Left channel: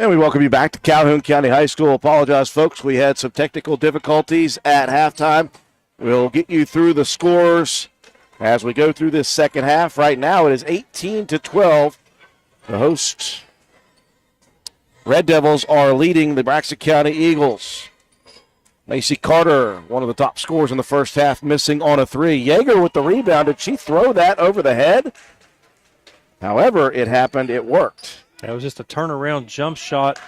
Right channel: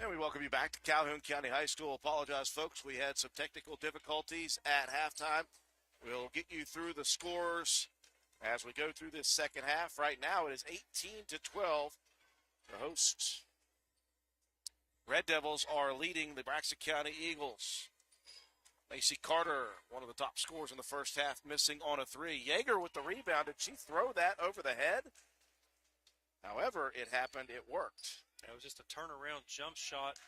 And we welcome you back to Calhoun County High School. Apologize, folks. We had some technical difficulties at halftime. We'll get you through the scores as we go through this second half. Right now it is 18-12. The hosts, Red Devils, are leading the Braxton County Eagles. Macy Carter, one of the top scorers in the first half, missing on a three. Yeager with the rebound. Did she throw that over the head? However, it happened. It worked. That was just a turnaround jump shot.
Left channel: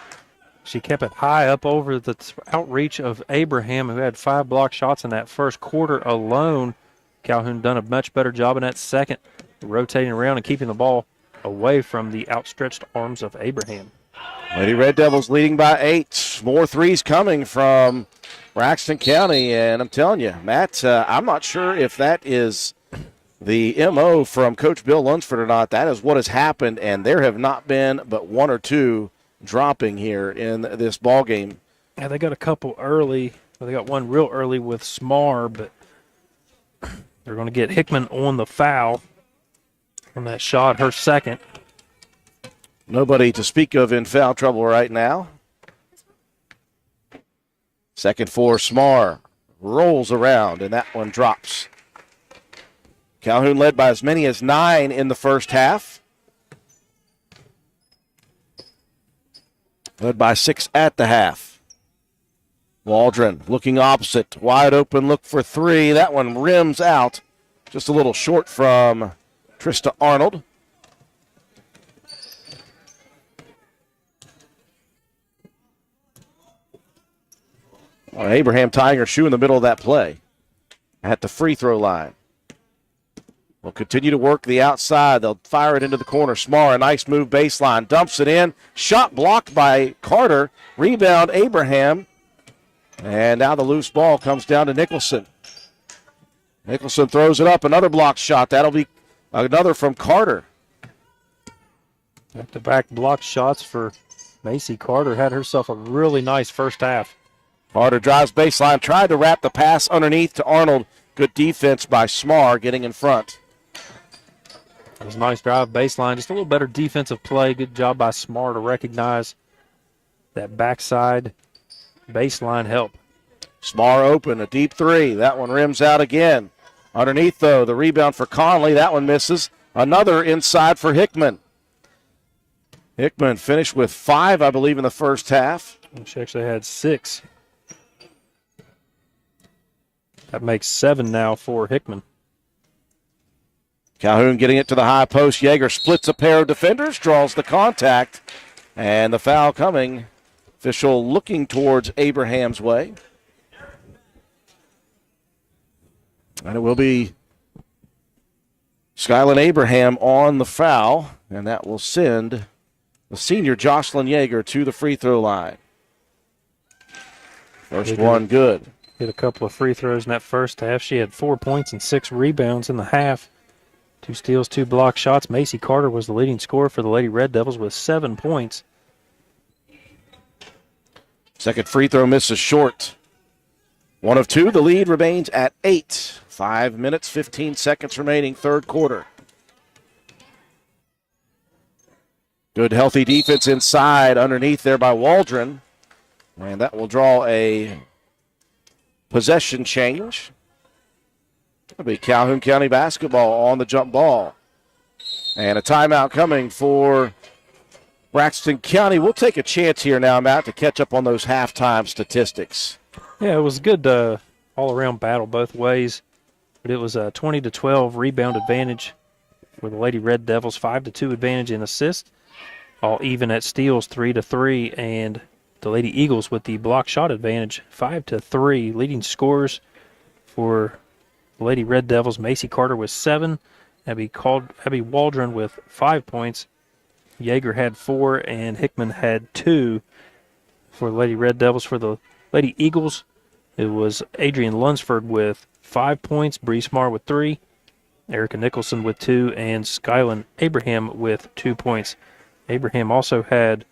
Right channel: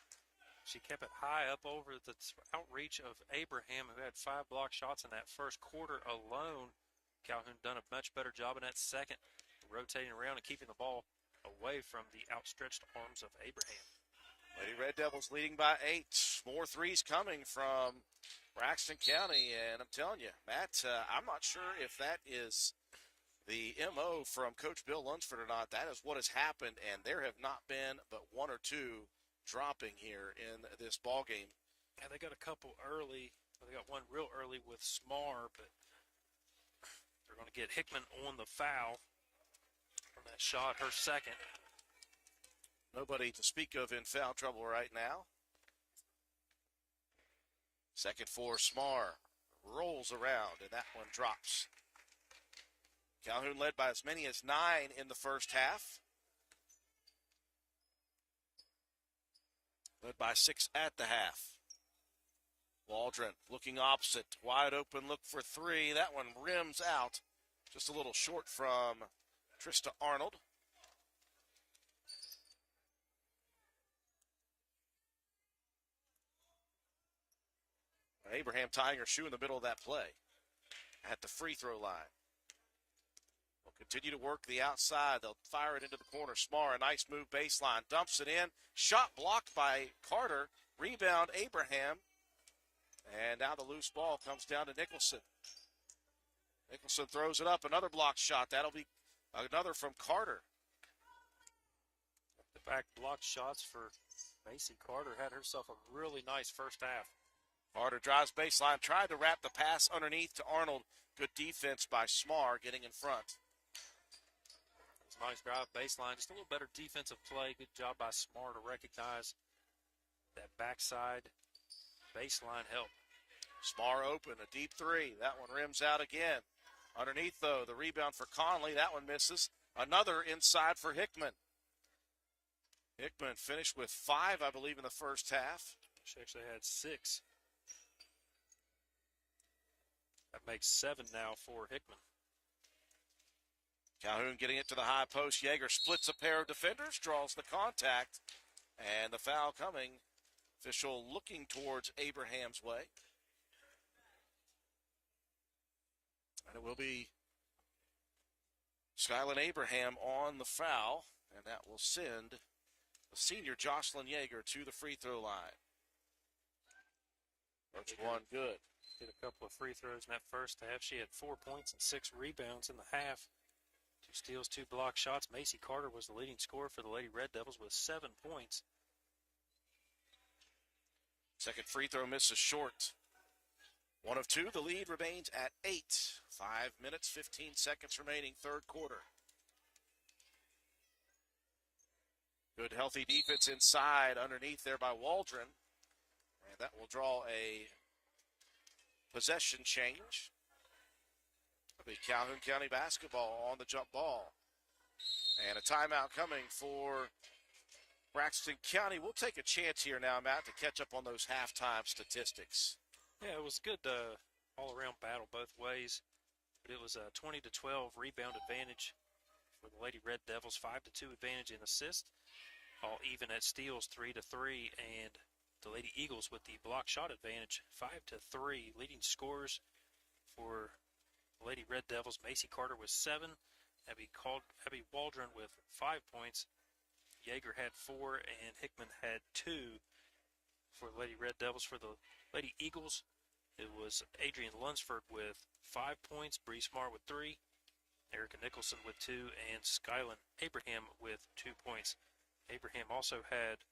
She kept it high up over the outreach of Abraham, who had 5 block shots in that first quarter alone. Calhoun done a much better job in that second, rotating around and keeping the ball away from the outstretched arms of Abraham. Lady Red Devils leading by 8. More threes coming from Braxton County, and I'm telling you, Matt, I'm not sure if that is the MO from Coach Bill Lunsford or not. That is what has happened, and there have not been but 1 or 2 dropping here in this ball game. Yeah, they got a couple early. Well, they got one real early with Smar, but they're going to get Hickman on the foul on that shot, her second. Nobody to speak of in foul trouble right now. Second for Smar. Rolls around, and that one drops. Calhoun led by as many as 9 in the first half. Led by 6 at the half. Waldron looking opposite. Wide open look for 3. That one rims out. Just a little short from Trista Arnold. Abraham tying her shoe in the middle of that play at the free throw line. Will continue to work the outside. They'll fire it into the corner. Smar, a nice move baseline. Dumps it in. Shot blocked by Carter. Rebound, Abraham. And now the loose ball comes down to Nicholson. Nicholson throws it up. Another block shot. That'll be another from Carter. Back-to-back block shots for Macy Carter. Had herself a really nice first half. Carter drives baseline. Tried to wrap the pass underneath to Arnold. Good defense by Smar getting in front. It was a nice drive baseline. Just a little better defensive play. Good job by Smar to recognize that backside baseline help. Smar open, a deep 3. That one rims out again. Underneath, though, the rebound for Conley. That one misses. Another inside for Hickman. Hickman finished with 5, I believe, in the first half. She actually had 6. That makes 7 now for Hickman. Calhoun getting it to the high post. Yeager splits a pair of defenders, draws the contact, and the foul coming. Official looking towards Abraham's way. And it will be Skyland Abraham on the foul, and that will send the senior Jocelyn Yeager to the free throw line. First one good. Hit a couple of free throws in that first half. She had 4 points and 6 rebounds in the half. 2 steals, 2 block shots. Macy Carter was the leading scorer for the Lady Red Devils with 7 points. Second free throw misses short. 1 of 2. The lead remains at 8. 5 minutes, 15 seconds remaining, third quarter. Good healthy defense inside underneath there by Waldron. And that will draw a possession change. It'll be Calhoun County basketball on the jump ball. And a timeout coming for Braxton County. We'll take a chance here now, Matt, to catch up on those halftime statistics. Yeah, it was a good all-around battle both ways. But it was a 20-12 rebound advantage for the Lady Red Devils, 5-2 advantage in assists, all even at steals, 3-3, and the Lady Eagles with the block shot advantage, 5-3. Leading scorers for the Lady Red Devils, Macy Carter with 7, Abby Waldron with 5 points. Yeager had 4, and Hickman had 2 for the Lady Red Devils. For the Lady Eagles, it was Adrian Lunsford with 5 points, Bree Smar with 3, Erica Nicholson with 2, and Skyland Abraham with 2 points. Abraham also had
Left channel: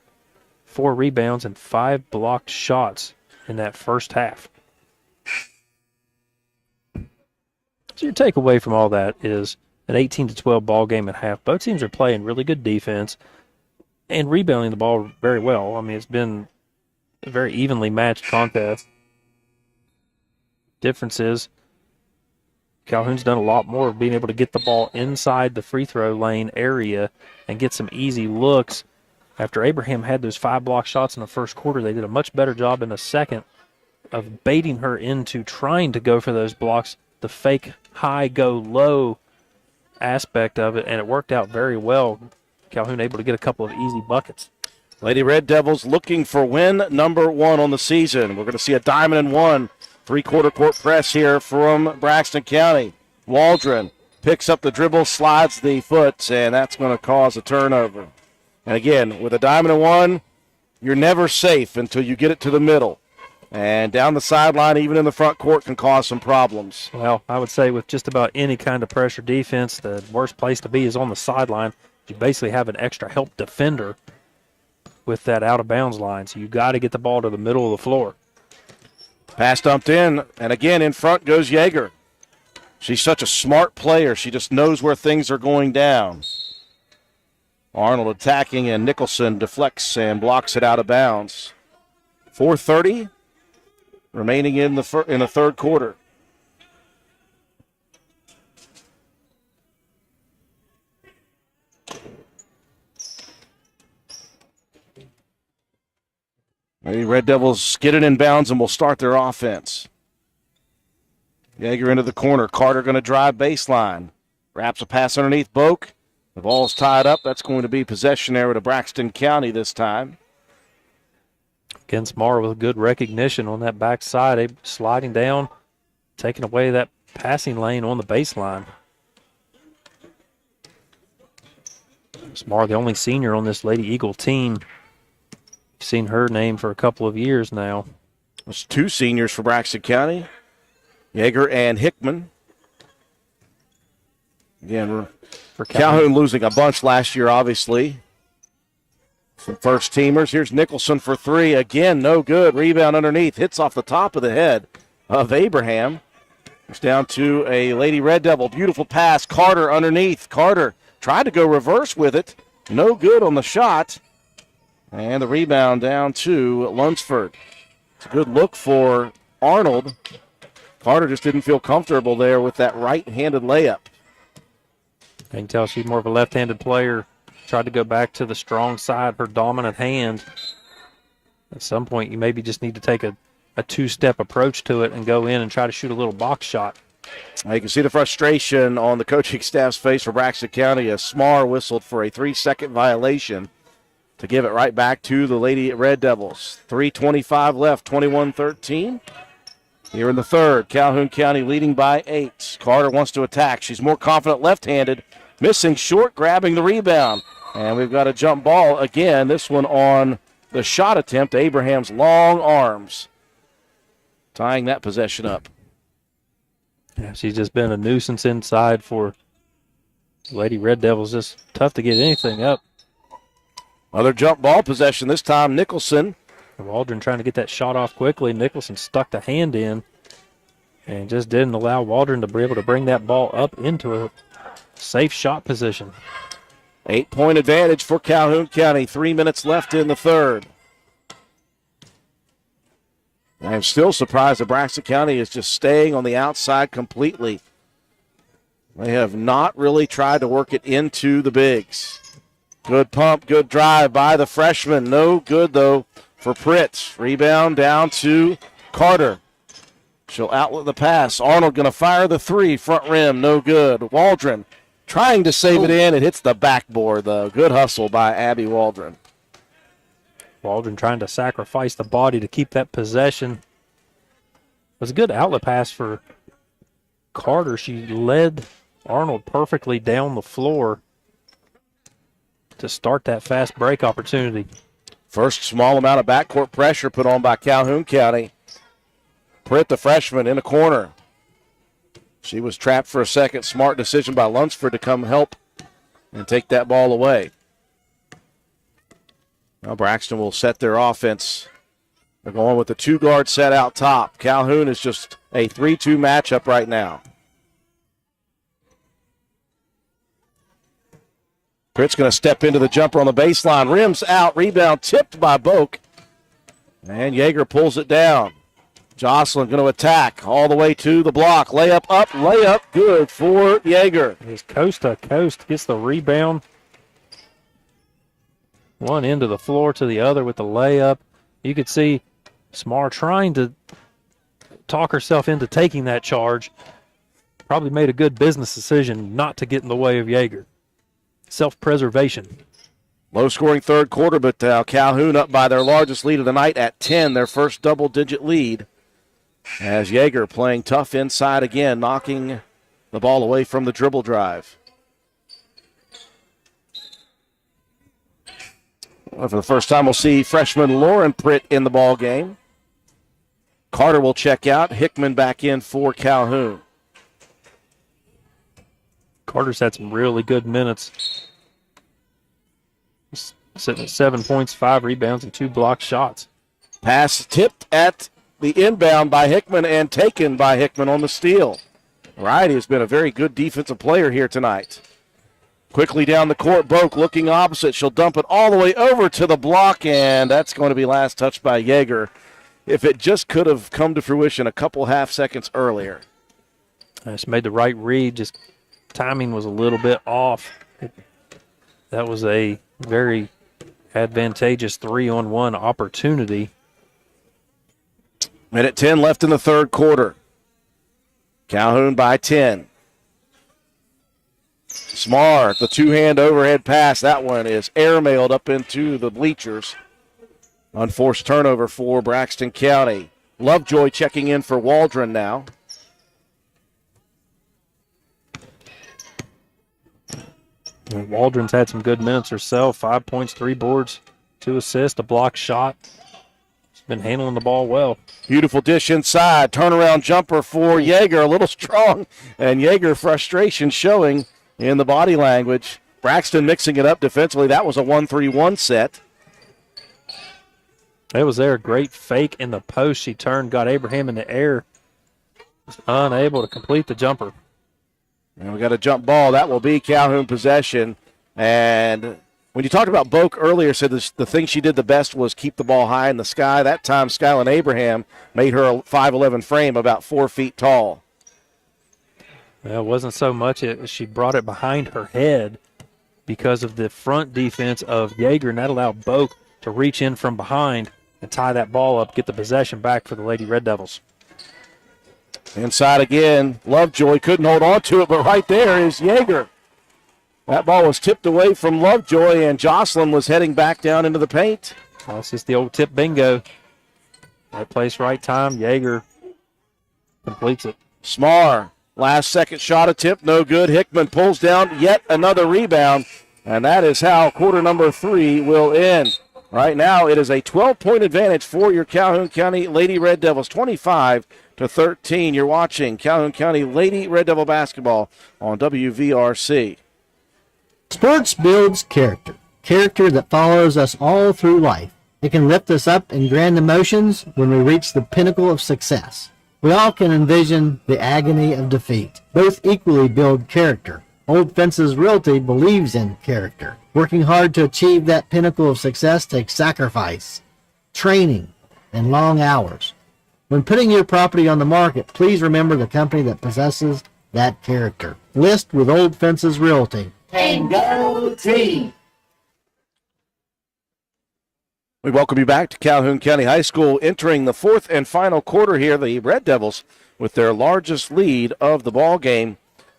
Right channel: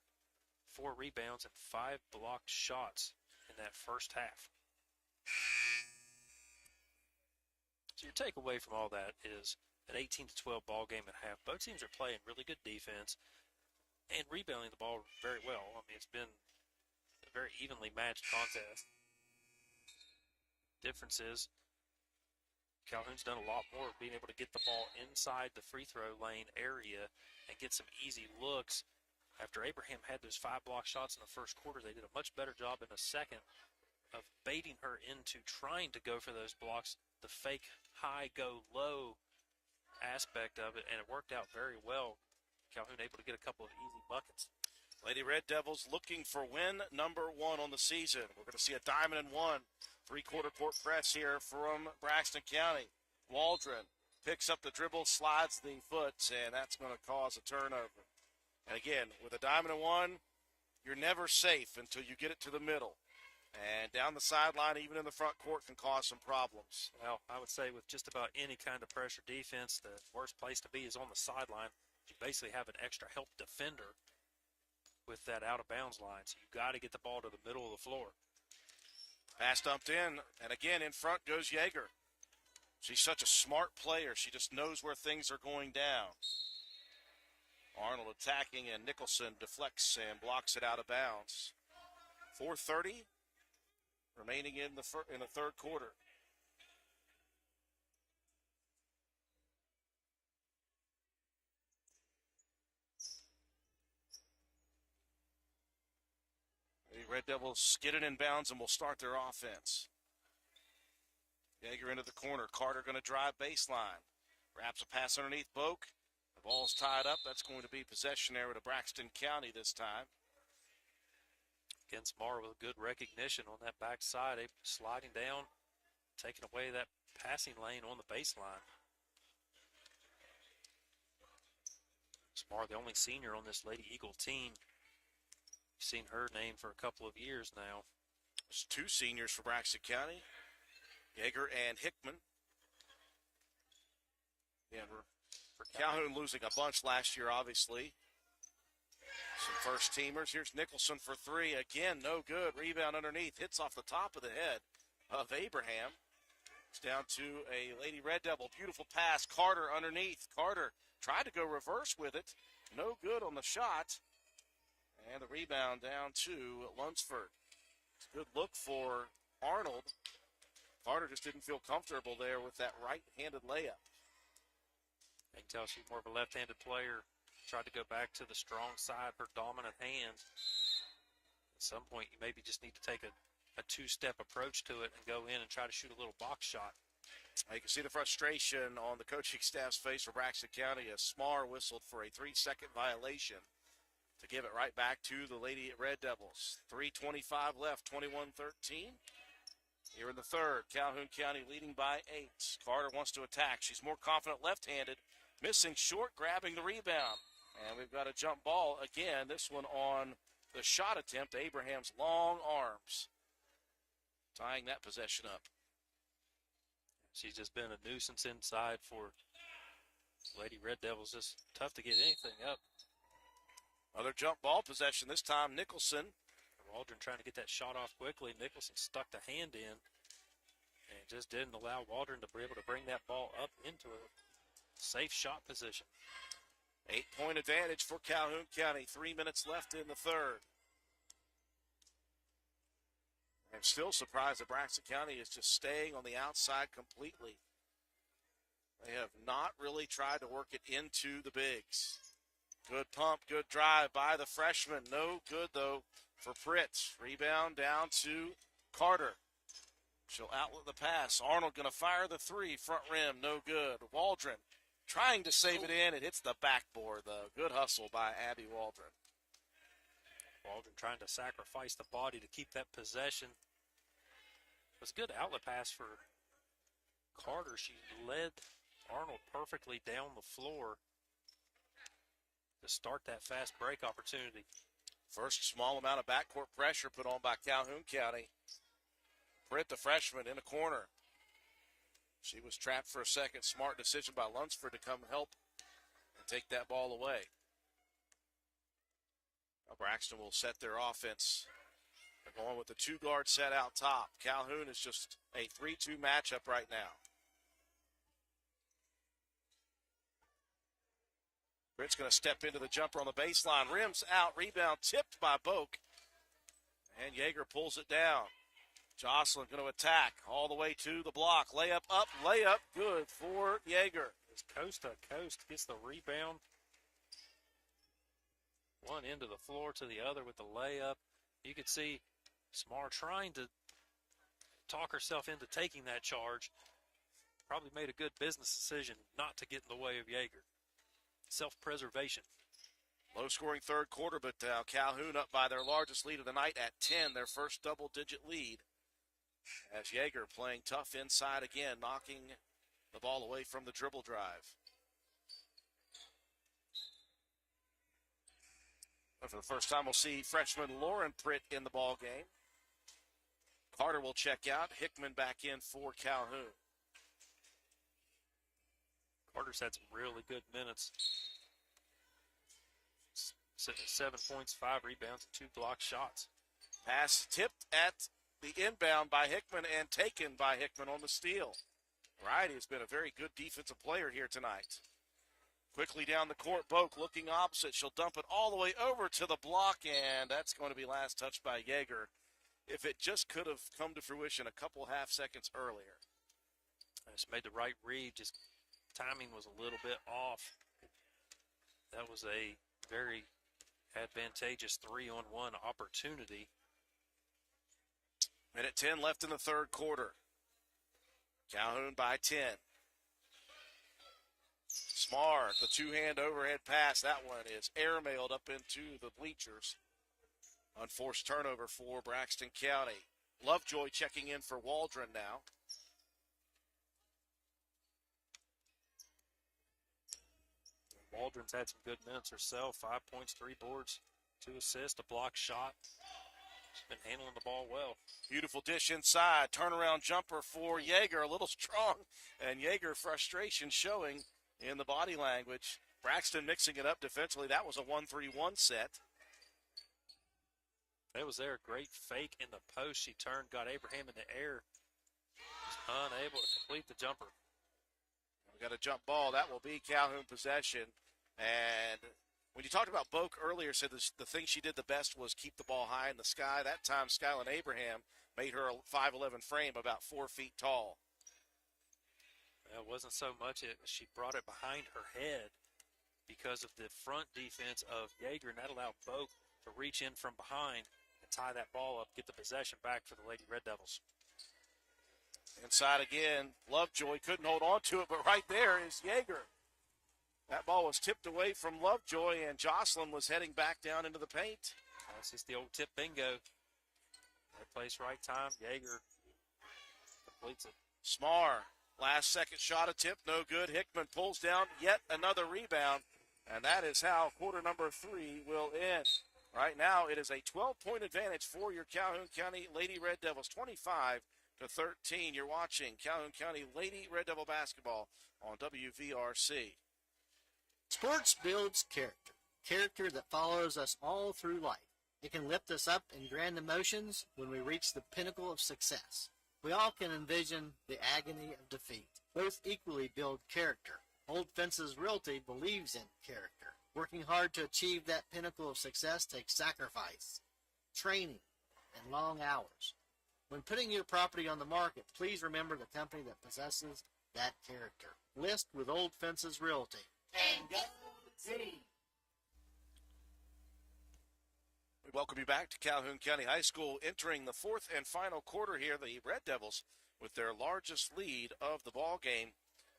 4 rebounds and 5 blocked shots in that first half. So your takeaway from all that is an 18-12 ball game at half. Both teams are playing really good defense. and rebounding the ball very well. I mean, it's been a very evenly matched contest. Difference is Calhoun's done a lot more of being able to get the ball inside the free throw lane area and get some easy looks. After Abraham had those 5 block shots in the first quarter, they did a much better job in the second of baiting her into trying to go for those blocks, the fake high, go low aspect of it, and it worked out very well. Calhoun able to get a couple of easy buckets. Lady Red Devils looking for win number 1 on the season. We're going to see a diamond and 1 three-quarter court press here from Braxton County. Waldron picks up the dribble, slides the foot, and that's going to cause a turnover. And again, with a diamond and 1, you're never safe until you get it to the middle. And down the sideline, even in the front court, can cause some problems. Well, I would say with just about any kind of pressure defense, the worst place to be is on the sideline. You basically have an extra help defender with that out-of-bounds line. So you got to get the ball to the middle of the floor. Pass dumped in, and again in front goes Yeager. She's such a smart player. She just knows where things are going down. Arnold attacking, and Nicholson deflects and blocks it out of bounds. 4:30 remaining in the third quarter. The Red Devils get it in bounds and will start their offense. Yeager into the corner. Carter going to drive baseline. Wraps a pass underneath Boak. The ball's tied up. That's going to be possession area to Braxton County this time. Again, Smart with good recognition on that backside, sliding down, taking away that passing lane on the baseline. Smart, the only senior on this Lady Eagle team. You've seen her name for a couple of years now. There's 2 seniors for Braxton County, Yeager and Hickman. Again, for Calhoun losing a bunch last year, obviously. Some first teamers. Here's Nicholson for 3. Again, no good. Rebound underneath. Hits off the top of the head of Abraham. It's down to a Lady Red Devil. Beautiful pass. Carter underneath. Carter tried to go reverse with it. No good on the shot. And the rebound down to Lunsford. It's a good look for Arnold. Carter just didn't feel comfortable there with that right-handed layup. I can tell she's more of a left-handed player. Tried to go back to the strong side, her dominant hand. At some point, you maybe just need to take a 2-step approach to it and go in and try to shoot a little box shot. You can see the frustration on the coaching staff's face for Braxton County as Smar whistled for a 3-second violation to give it right back to the Lady Red Devils. 3:25 left, 21-13. Here in the third, Calhoun County leading by 8. Carter wants to attack. She's more confident left-handed. Missing short, grabbing the rebound. And we've got a jump ball again, this one on the shot attempt, Abraham's long arms, tying that possession up. Yeah, she's just been a nuisance inside for Lady Red Devils. Just tough to get anything up. Another jump ball possession, this time Nicholson. Waldron trying to get that shot off quickly. Nicholson stuck the hand in and just didn't allow Waldron to be able to bring that ball up into a safe shot position. 8-point advantage for Calhoun County. 3 minutes left in the third. I'm still surprised that Braxton County is just staying on the outside completely. They have not really tried to work it into the bigs. Good pump, good drive by the freshman. No good, though, for Pritz. Rebound down to Carter. She'll outlet the pass. Arnold going to fire the 3, front rim, no good. Waldron trying to save it in. It hits the backboard, though. Good hustle by Abby Waldron. Waldron trying to sacrifice the body to keep that possession. It was a good outlet pass for Carter. She led Arnold perfectly down the floor to start that fast break opportunity. First small amount of backcourt pressure put on by Calhoun County. Pritt, the freshman, in a corner. She was trapped for a second. Smart decision by Lunsford to come help and take that ball away. Now Braxton will set their offense. They're going with the 2-guard set out top. Calhoun is just a 3-2 matchup right now. Pritt's going to step into the jumper on the baseline. Rims out. Rebound tipped by Boak. And Yeager pulls it down. Jocelyn going to attack all the way to the block. Layup up. Layup good for Yeager. He's coast to coast. Gets the rebound. One end of the floor to the other with the layup. You could see Smar trying to talk herself into taking that charge. Probably made a good business decision not to get in the way of Yeager. Self-preservation. Low-scoring third quarter, but Calhoun up by their largest lead of the night at 10, their first double-digit lead. As Yeager playing tough inside again, knocking the ball away from the dribble drive. Well, for the first time, we'll see freshman Lauren Pritt in the ball game. Carter will check out. Hickman back in for Calhoun. Carter's had some really good minutes. He's sitting at 7 points, 5 rebounds, and 2 blocked shots. Pass tipped at the inbound by Hickman and taken by Hickman on the steal. Variety has been a very good defensive player here tonight. Quickly down the court, Boak looking opposite. She'll dump it all the way over to the block, and that's going to be last touched by Yeager. If it just could have come to fruition a couple half seconds earlier. Just made the right read, just timing was a little bit off. That was a very advantageous 3-on-1 opportunity. Minute 10 left in the third quarter. Calhoun by 10. Smart, the two-hand overhead pass. That one is airmailed up into the bleachers. Unforced turnover for Braxton County. Lovejoy checking in for Waldron now. And Waldron's had some good minutes herself. 5 points, 3 boards, 2 assists, a block shot. She's been handling the ball well. Beautiful dish inside. Turnaround jumper for Yeager. A little strong. And Yeager frustration showing in the body language. Braxton mixing it up defensively. That was a 1-3-1 set. It was there. Great fake in the post. She turned, got Abraham in the air. Was unable to complete the jumper. And we got a jump ball. That will be Calhoun possession. And when you talked about Boak earlier, said the thing she did the best was keep the ball high in the sky. That time, Skyline Abraham made her a 5'11" frame, about 4 feet tall. Well, it wasn't so much. She brought it behind her head because of the front defense of Yeager, and that allowed Boak to reach in from behind and tie that ball up, get the possession back for the Lady Red Devils. Inside again, Lovejoy couldn't hold on to it, but right there is Yeager. That ball was tipped away from Lovejoy, and Jocelyn was heading back down into the paint. Well, it's just the old tip bingo. Right place, right time. Yeager completes it. Smar, last second shot attempt, no good. Hickman pulls down yet another rebound, and that is how quarter number 3 will end. Right now, it is a 12-point advantage for your Calhoun County Lady Red Devils, 25-13. You're watching Calhoun County Lady Red Devil basketball on WVRC. Sports builds character, character that follows us all through life. It can lift us up in grand emotions when we reach the pinnacle of success. We all can envision the agony of defeat. Both equally build character. Old Fences Realty believes in character. Working hard to achieve that pinnacle of success takes sacrifice, training, and long hours. When putting your property on the market, please remember the company that possesses that character. List with Old Fences Realty. And go team! We welcome you back to Calhoun County High School. Entering the fourth and final quarter here, the Red Devils with their largest lead of the ball game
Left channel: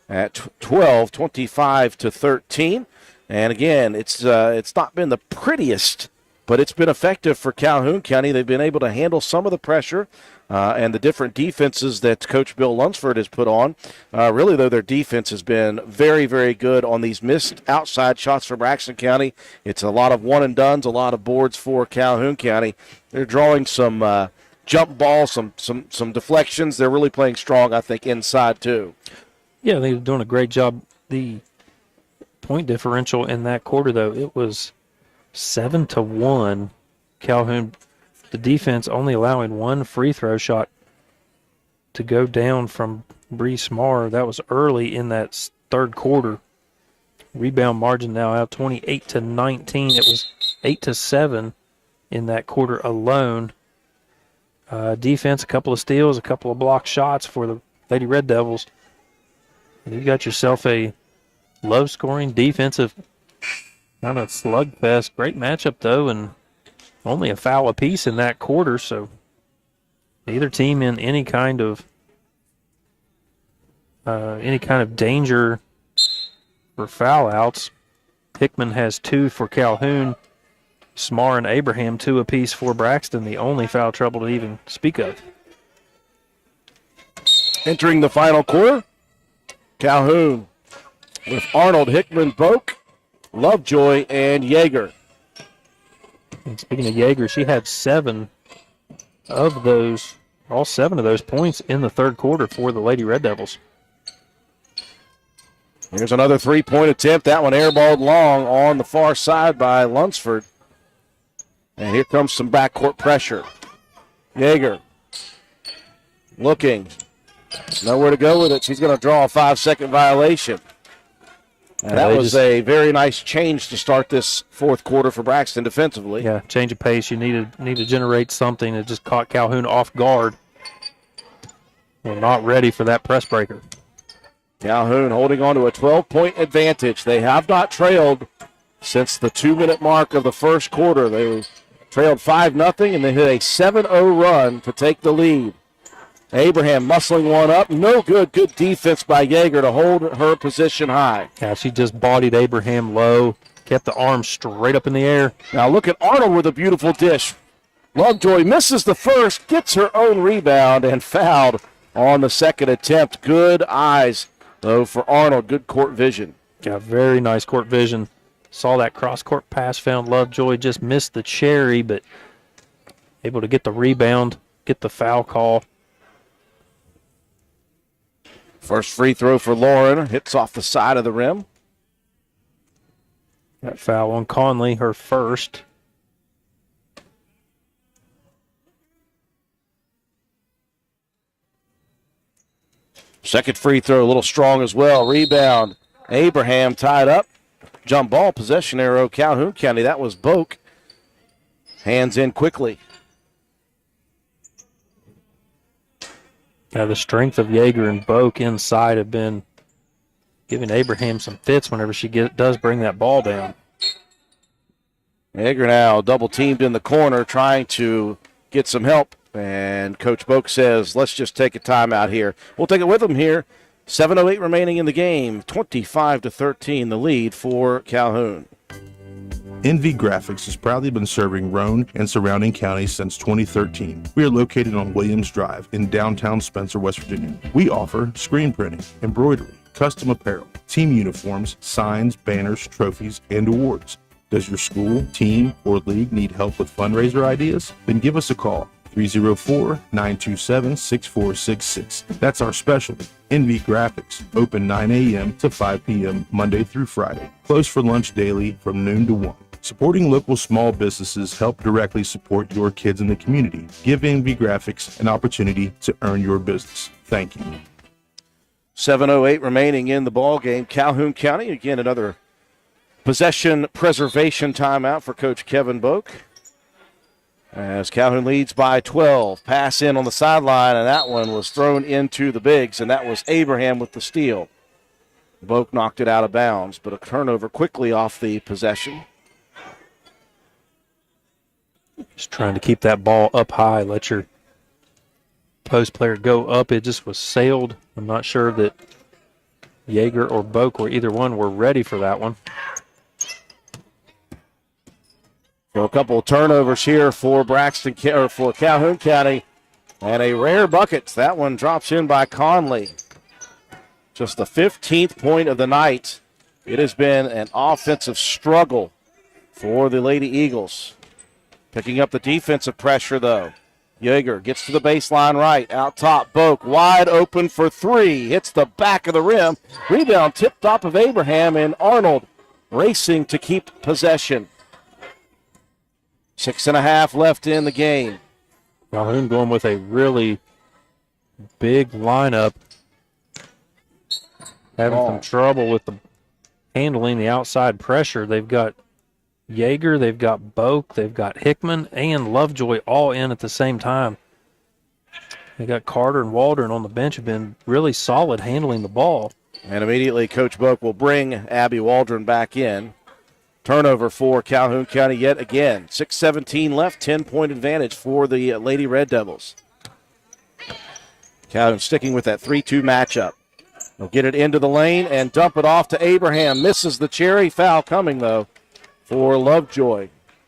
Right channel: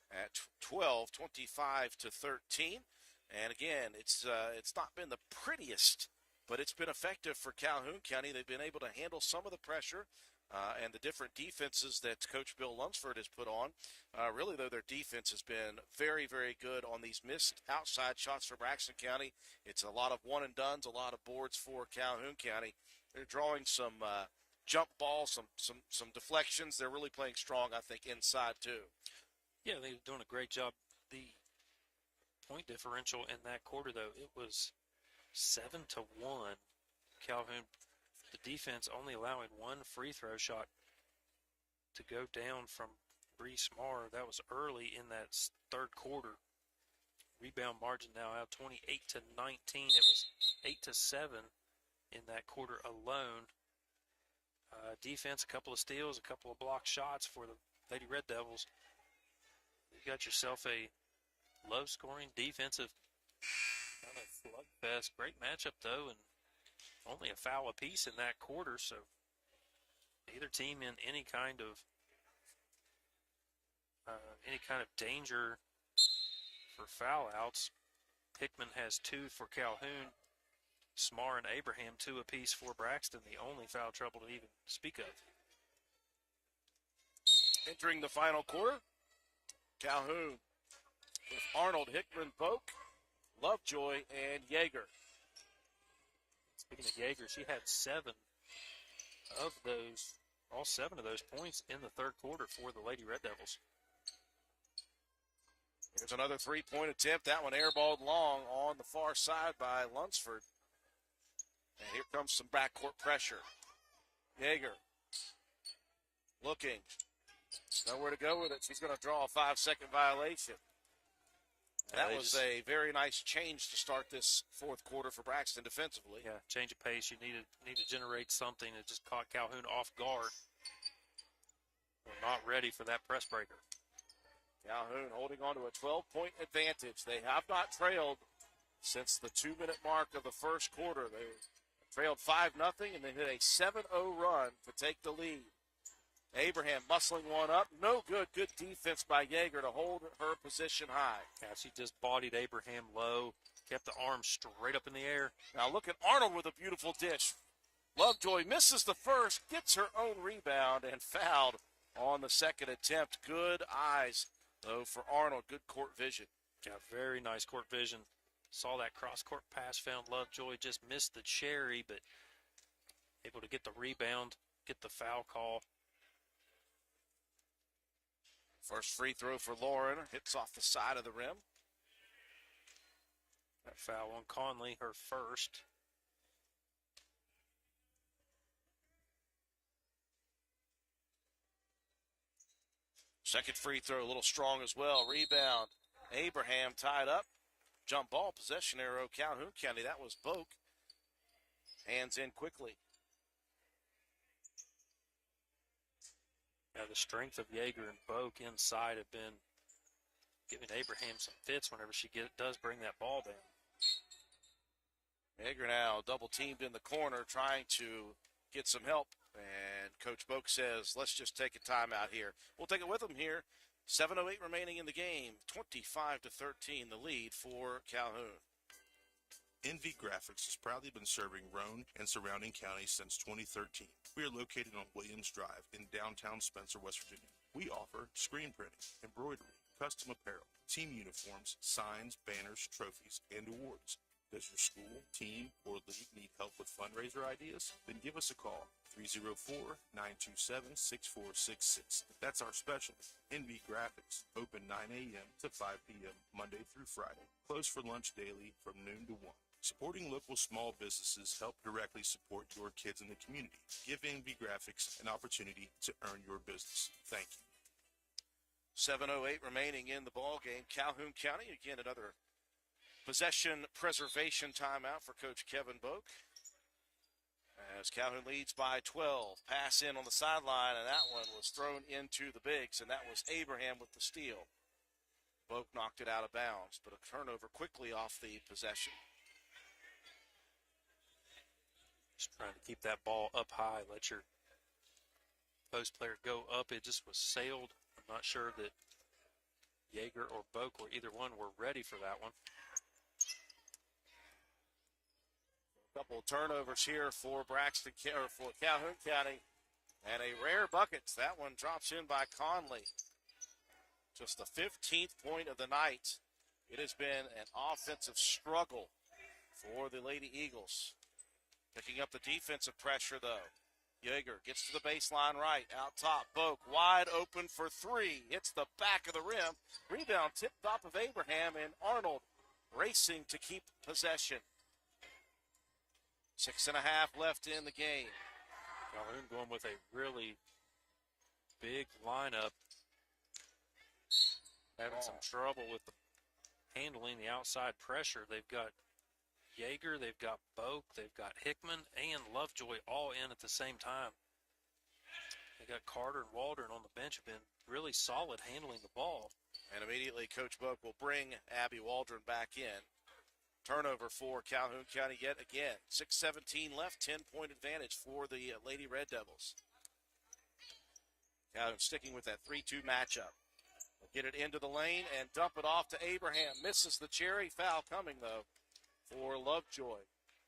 at 12, 25-13. And again, it's not been the prettiest, but it's been effective for Calhoun County. They've been able to handle some of the pressure and the different defenses that Coach Bill Lunsford has put on. Really, though, their defense has been very, very good on these missed outside shots for Braxton County. It's a lot of one-and-dones, a lot of boards for Calhoun County. They're drawing some jump balls, some deflections. They're really playing strong, I think, inside, too. Yeah, they're doing a great job. The point differential in that quarter, though, it was 7-1. Calhoun, the defense only allowing 1 free throw shot to go down from Bree Smar. That was early in that third quarter. Rebound margin now out 28-19. It was 8-7 in that quarter alone. Defense, a couple of steals, a couple of block shots for the Lady Red Devils. And you got yourself a low-scoring defensive kind of slugfest. Great matchup, though, and only a foul apiece in that quarter, so neither team in any kind of danger for foul outs. Hickman has 2 for Calhoun. Smar and Abraham 2 apiece for Braxton, the only foul trouble to even speak of. Entering the final quarter, Calhoun with Arnold, Hickman, Boak, Lovejoy, and Yeager. And speaking of Yeager, she had 7 of those, all 7 of those points in the third quarter for the Lady Red Devils. Here's another three-point attempt. That one airballed long on the far side by Lunsford. And here comes some backcourt pressure. Yeager looking. Nowhere to go with it. She's going to draw a 5-second violation. And that was a very nice change to start this fourth quarter for Braxton defensively. Yeah, change of pace. You need to generate something that just caught Calhoun off guard. We're not ready for that press breaker. Calhoun holding on to a 12-point advantage. They have not trailed since the 2-minute mark of the first quarter. They trailed 5-0, and they hit a 7-0 run to take the lead. Abraham muscling one up. No good. Good defense by Yeager to hold her position high. Yeah, she just bodied Abraham low, kept the arm straight up in the air. Now look at Arnold with a beautiful dish. Lovejoy misses the first, gets her own rebound, and fouled on the second attempt. Good eyes, though, for Arnold. Good court vision. Yeah, very nice court vision. Saw that cross-court pass, found Lovejoy, just missed the cherry, but able to get the rebound, get the foul call. First free throw for Lauren. Hits off the side of the rim. That foul on Conley, her first. Second free throw, a little strong as well. Rebound. Abraham tied up. Jump ball, possession arrow, Calhoun County. That was Boak. Hands in quickly. Yeah, the strength of Yeager and Boak inside have been giving Abraham some fits whenever she does bring that ball down. Yeager now double teamed in the corner trying to get some help. And Coach Boak says, let's just take a timeout here. We'll take it with him here. 7:08 remaining in the game. 25-13 the lead for Calhoun. NV Graphics has proudly been serving Roane and surrounding counties since 2013. We are located on Williams Drive in downtown Spencer, West Virginia. We offer screen printing, embroidery, custom apparel, team uniforms, signs, banners, trophies, and awards. Does your school, team, or league need help with fundraiser ideas? Then give us a call. 304-927-6466. That's our specialty. NV Graphics, open 9 a.m. to 5 p.m. Monday through Friday. Closed for lunch daily from noon to 1. Supporting local small businesses help directly support your kids in the community. Give NV Graphics an opportunity to earn your business. Thank you. 7:08 remaining in the ball game. Calhoun County, again, another possession preservation timeout for Coach Kevin Boak. As Calhoun leads by 12. Pass in on the sideline, and that one was thrown into the bigs, and that was Abraham with the steal. Boak knocked it out of bounds, but a turnover quickly off the possession. Just trying to keep that ball up high, let your post player go up. It just was sailed. I'm not sure that Yeager or Boak or either one were ready for that one. So a couple of turnovers here for Braxton or for Calhoun County, and a rare bucket. That one drops in by Conley. Just the 15th point of the night. It has been an offensive struggle for the Lady Eagles. Picking up the defensive pressure, though. Yeager gets to the baseline right. Out top, Boak wide open for three. Hits the back of the rim. Rebound tipped off of Abraham, and Arnold racing to keep possession. 6.5 left in the game. Calhoun going with a really big lineup. Having some trouble with the handling the outside pressure. They've got Yeager, they've got Boak, they've got Hickman, and Lovejoy all in at the same time. They got Carter and Waldron on the bench, have been really solid handling the ball. And immediately Coach Boak will bring Abby Waldron back in. Turnover for Calhoun County yet again. 6:17 left, 10-point advantage for the Lady Red Devils. Calhoun sticking with that 3-2 matchup. They'll get it into the lane and dump it off to Abraham. Misses the cherry. Foul coming, though, for Lovejoy.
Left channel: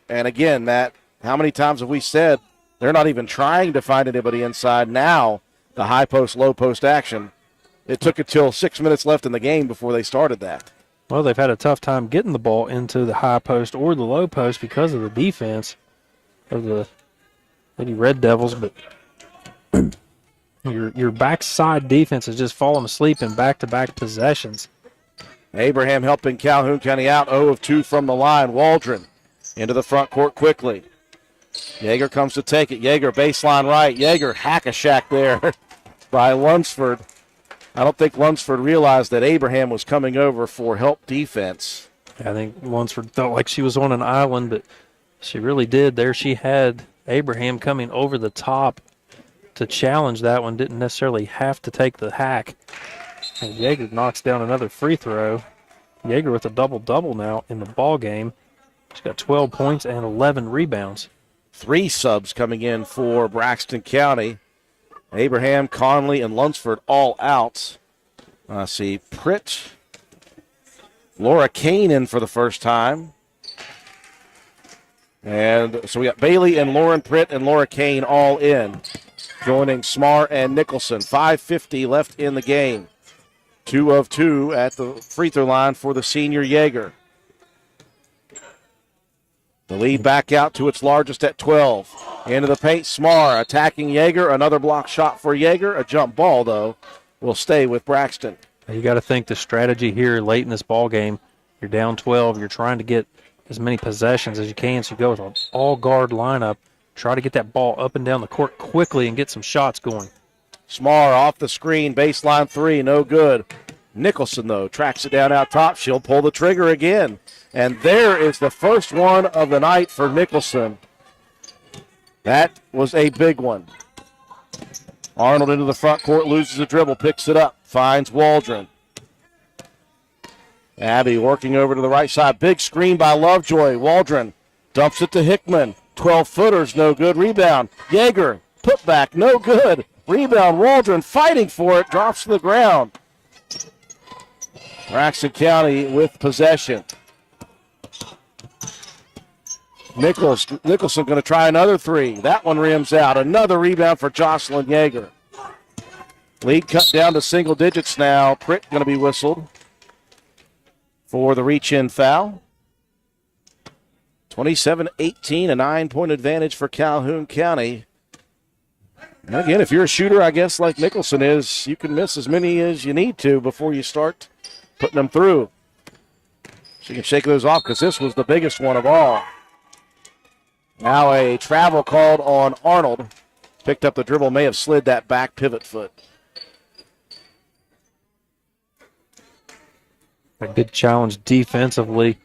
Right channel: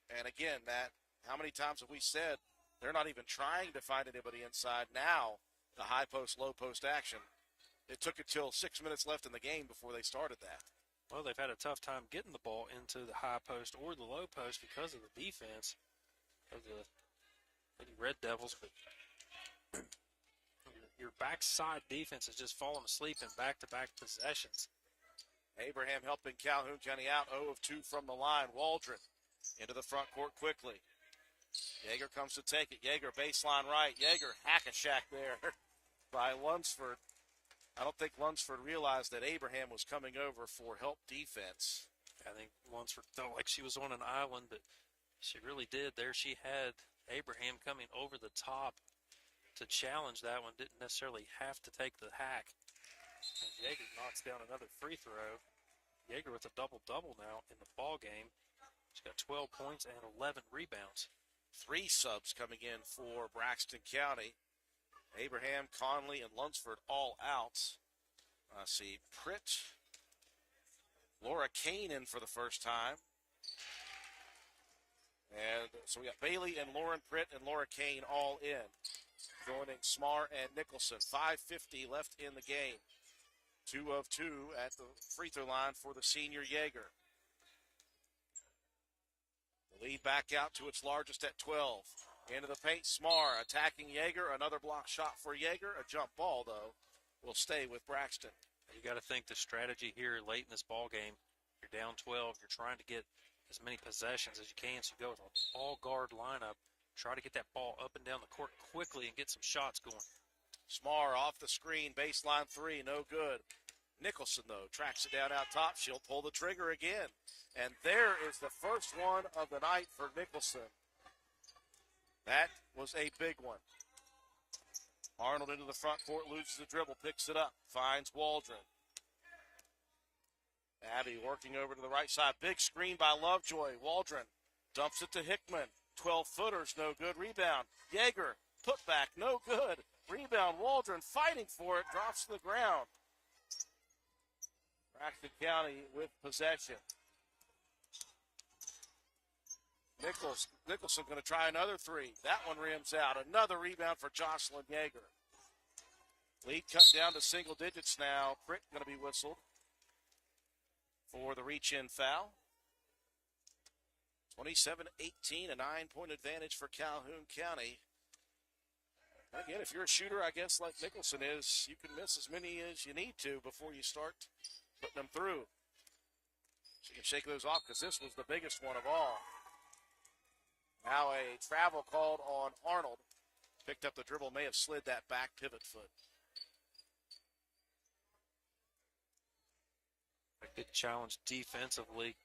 And again, Matt, how many times have we said they're not even trying to find anybody inside? Now, the high post, low post action. It took until 6 minutes left in the game before they started that. Well, they've had a tough time getting the ball into the high post or the low post because of the defense of the Lady Red Devils, but your backside defense is just falling asleep in back-to-back possessions. Abraham helping Calhoun County out, 0 of 2 from the line. Waldron into the front court quickly. Yeager comes to take it. Yeager baseline right. Yeager hack-a-shack there by Lunsford. I don't think Lunsford realized that Abraham was coming over for help defense. I think Lunsford felt like she was on an island, but she really did. There she had Abraham coming over the top to challenge that one. Didn't necessarily have to take the hack. And Yeager knocks down another free throw. Yeager with a double-double now in the ball game. She's got 12 points and 11 rebounds. 3 subs coming in for Braxton County. Abraham, Conley, and Lunsford all out. I see Pritt, Laura Kane in for the first time. And so we got Bailey and Lauren Pritt and Laura Kane all in, joining Smar and Nicholson. 5:50 left in the game. 2 of 2 at the free throw line for the senior Yeager. The lead back out to its largest at 12. Into the paint, Smar attacking Yeager. Another block shot for Yeager. A jump ball, though, will stay with Braxton. You got to think the strategy here late in this ball game. You're down 12. You're trying to get as many possessions as you can. So you go with an all-guard lineup. Try to get that ball up and down the court quickly and get some shots going. Smar off the screen, baseline 3, no good. Nicholson, though, tracks it down out top. She'll pull the trigger again. And there is the first one of the night for Nicholson. That was a big one. Arnold into the front court, loses the dribble, picks it up, finds Waldron. Abby working over to the right side. Big screen by Lovejoy. Waldron dumps it to Hickman. 12-footers, no good. Rebound. Yeager, put back, no good. Rebound, Waldron fighting for it, drops to the ground. Braxton County with possession. Nicholson going to try another 3. That one rims out. Another rebound for Jocelyn Yeager. Lead cut down to single digits now. Pritt going to be whistled for the reach-in foul. 27-18, a 9-point advantage for Calhoun County. And again, if you're a shooter, I guess, like Nicholson is, you can miss as many as you need to before you start putting them through. So you can shake those off because this was the biggest one of all. Now a travel called on Arnold. Picked up the dribble, may have slid that back pivot foot. A good challenge defensively.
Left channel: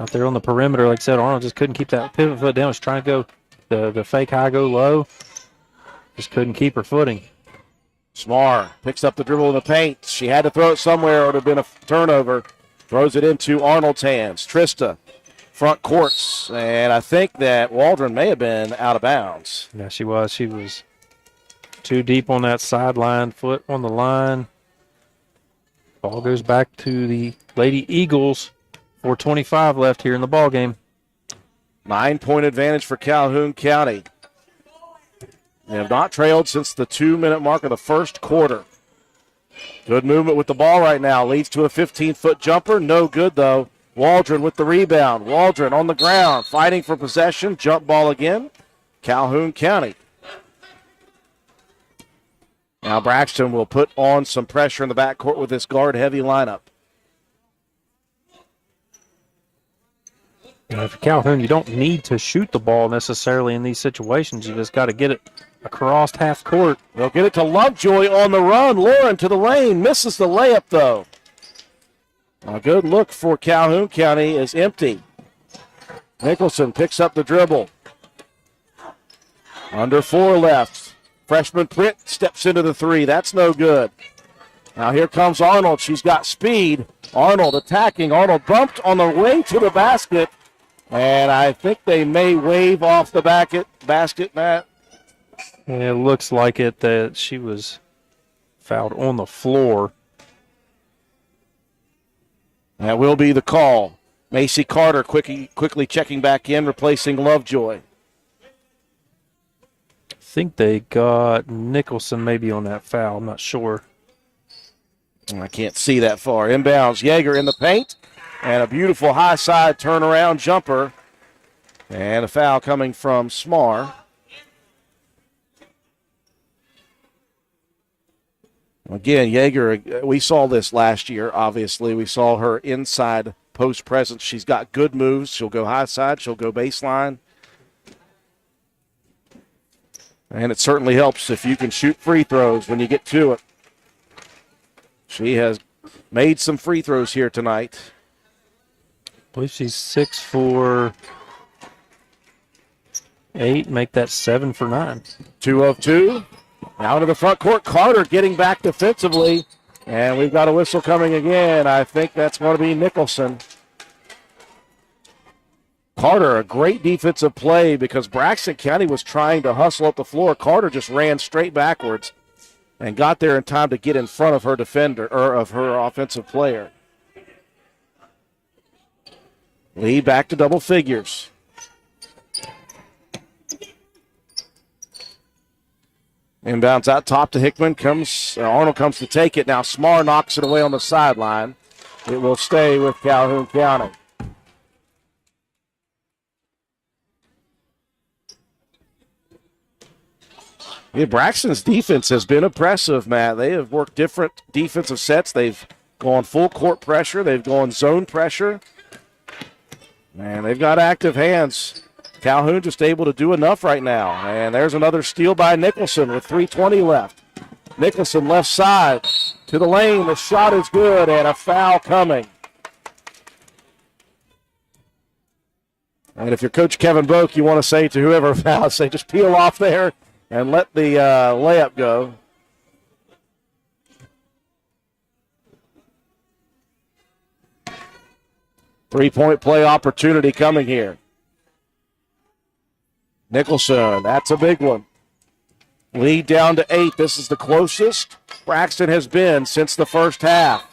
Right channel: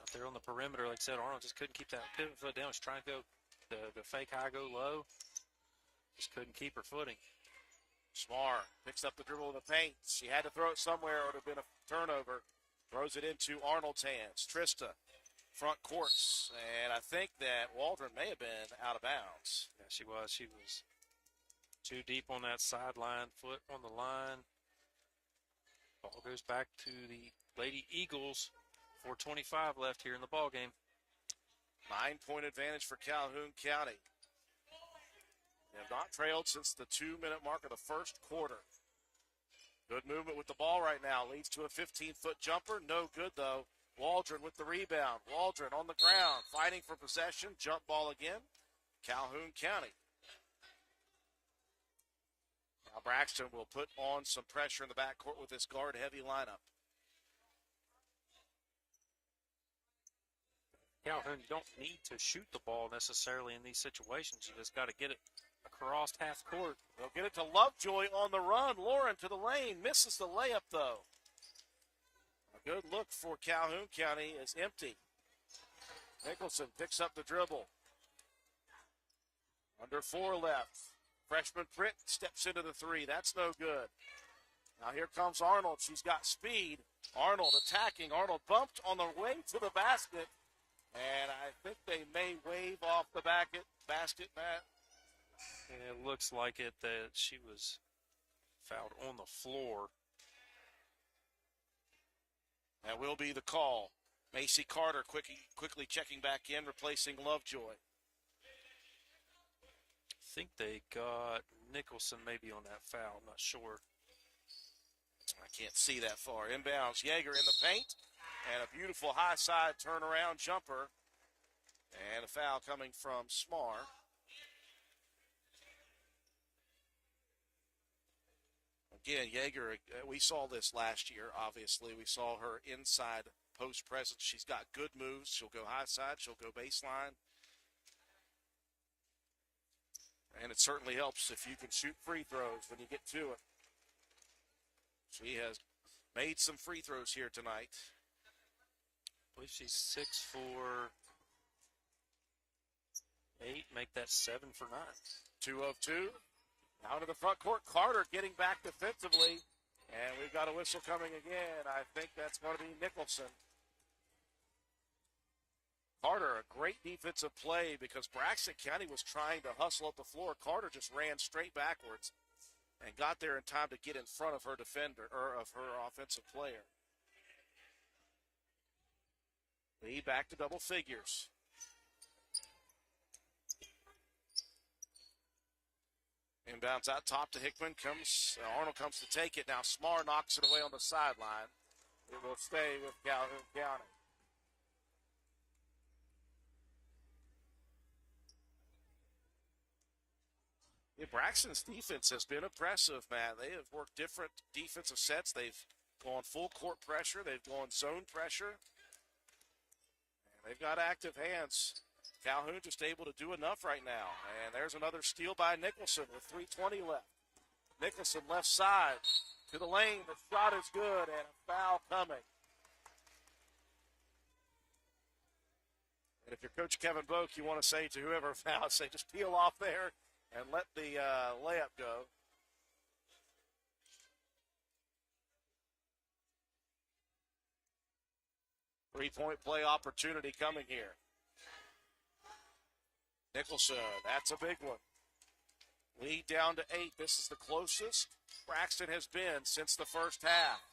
Out there on the perimeter, like I said, Arnold just couldn't keep that pivot foot down. Was trying to go the fake high, go low. Just couldn't keep her footing. Smar picks up the dribble in the paint. She had to throw it somewhere or it would have been a turnover. Throws it into Arnold's hands. Trista, front courts. And I think that Waldron may have been out of bounds. Yeah, she was. She was too deep on that sideline, foot on the line. Ball goes back to the Lady Eagles. 4:25 left here in the ball game. 9-point advantage for Calhoun County. They have not trailed since the 2-minute mark of the first quarter. Good movement with the ball right now. Leads to a 15-foot jumper. No good, though. Waldron with the rebound. Waldron on the ground, fighting for possession. Jump ball again. Calhoun County. Now Braxton will put on some pressure in the backcourt with this guard-heavy lineup. For Calhoun, you don't need to shoot the ball necessarily in these situations. You just got to get it across half court. They'll get it to Lovejoy on the run. Lauren to the lane. Misses the layup, though. A good look for Calhoun County is empty. Nicholson picks up the dribble. Under 4 left. Freshman Pritt steps into the 3. That's no good. Now here comes Arnold. She's got speed. Arnold attacking. Arnold bumped on the way to the basket. And I think they may wave off the basket, Matt. It looks like it that she was fouled on the floor. That will be the call. Macy Carter quickly checking back in, replacing Lovejoy. I think they got Nicholson maybe on that foul. I'm not sure. I can't see that far. Inbounds. Yeager in the paint. And a beautiful high side turnaround jumper. And a foul coming from Smar. Again, Yeager, we saw this last year, obviously. We saw her inside post presence. She's got good moves. She'll go high side. She'll go baseline. And it certainly helps if you can shoot free throws when you get to it. She has made some free throws here tonight. I believe she's 6 for 8. Make that 7 for 9. 2 of 2. Now to the front court. Carter getting back defensively. And we've got a whistle coming again. I think that's going to be Nicholson. Carter, a great defensive play because Braxton County was trying to hustle up the floor. Carter just ran straight backwards and got there in time to get in front of her defender, or of her offensive player. Lead back to double figures. Inbounds out top to Hickman. Arnold comes to take it. Now Smar knocks it away on the sideline. It will stay with Calhoun County. Yeah, Braxton's defense has been impressive, Matt. They have worked different defensive sets. They've gone full court pressure. They've gone zone pressure. And they've got active hands. Calhoun just able to do enough right now. And there's another steal by Nicholson with 3:20 left. Nicholson left side to the lane. The shot is good and a foul coming. And if you're Coach Kevin Boak, you want to say to whoever fouls, say just peel off there and let the layup go. Three-point play opportunity coming here. Nicholson, that's a big one. Lead down to 8. This is the closest Braxton has been since the first half.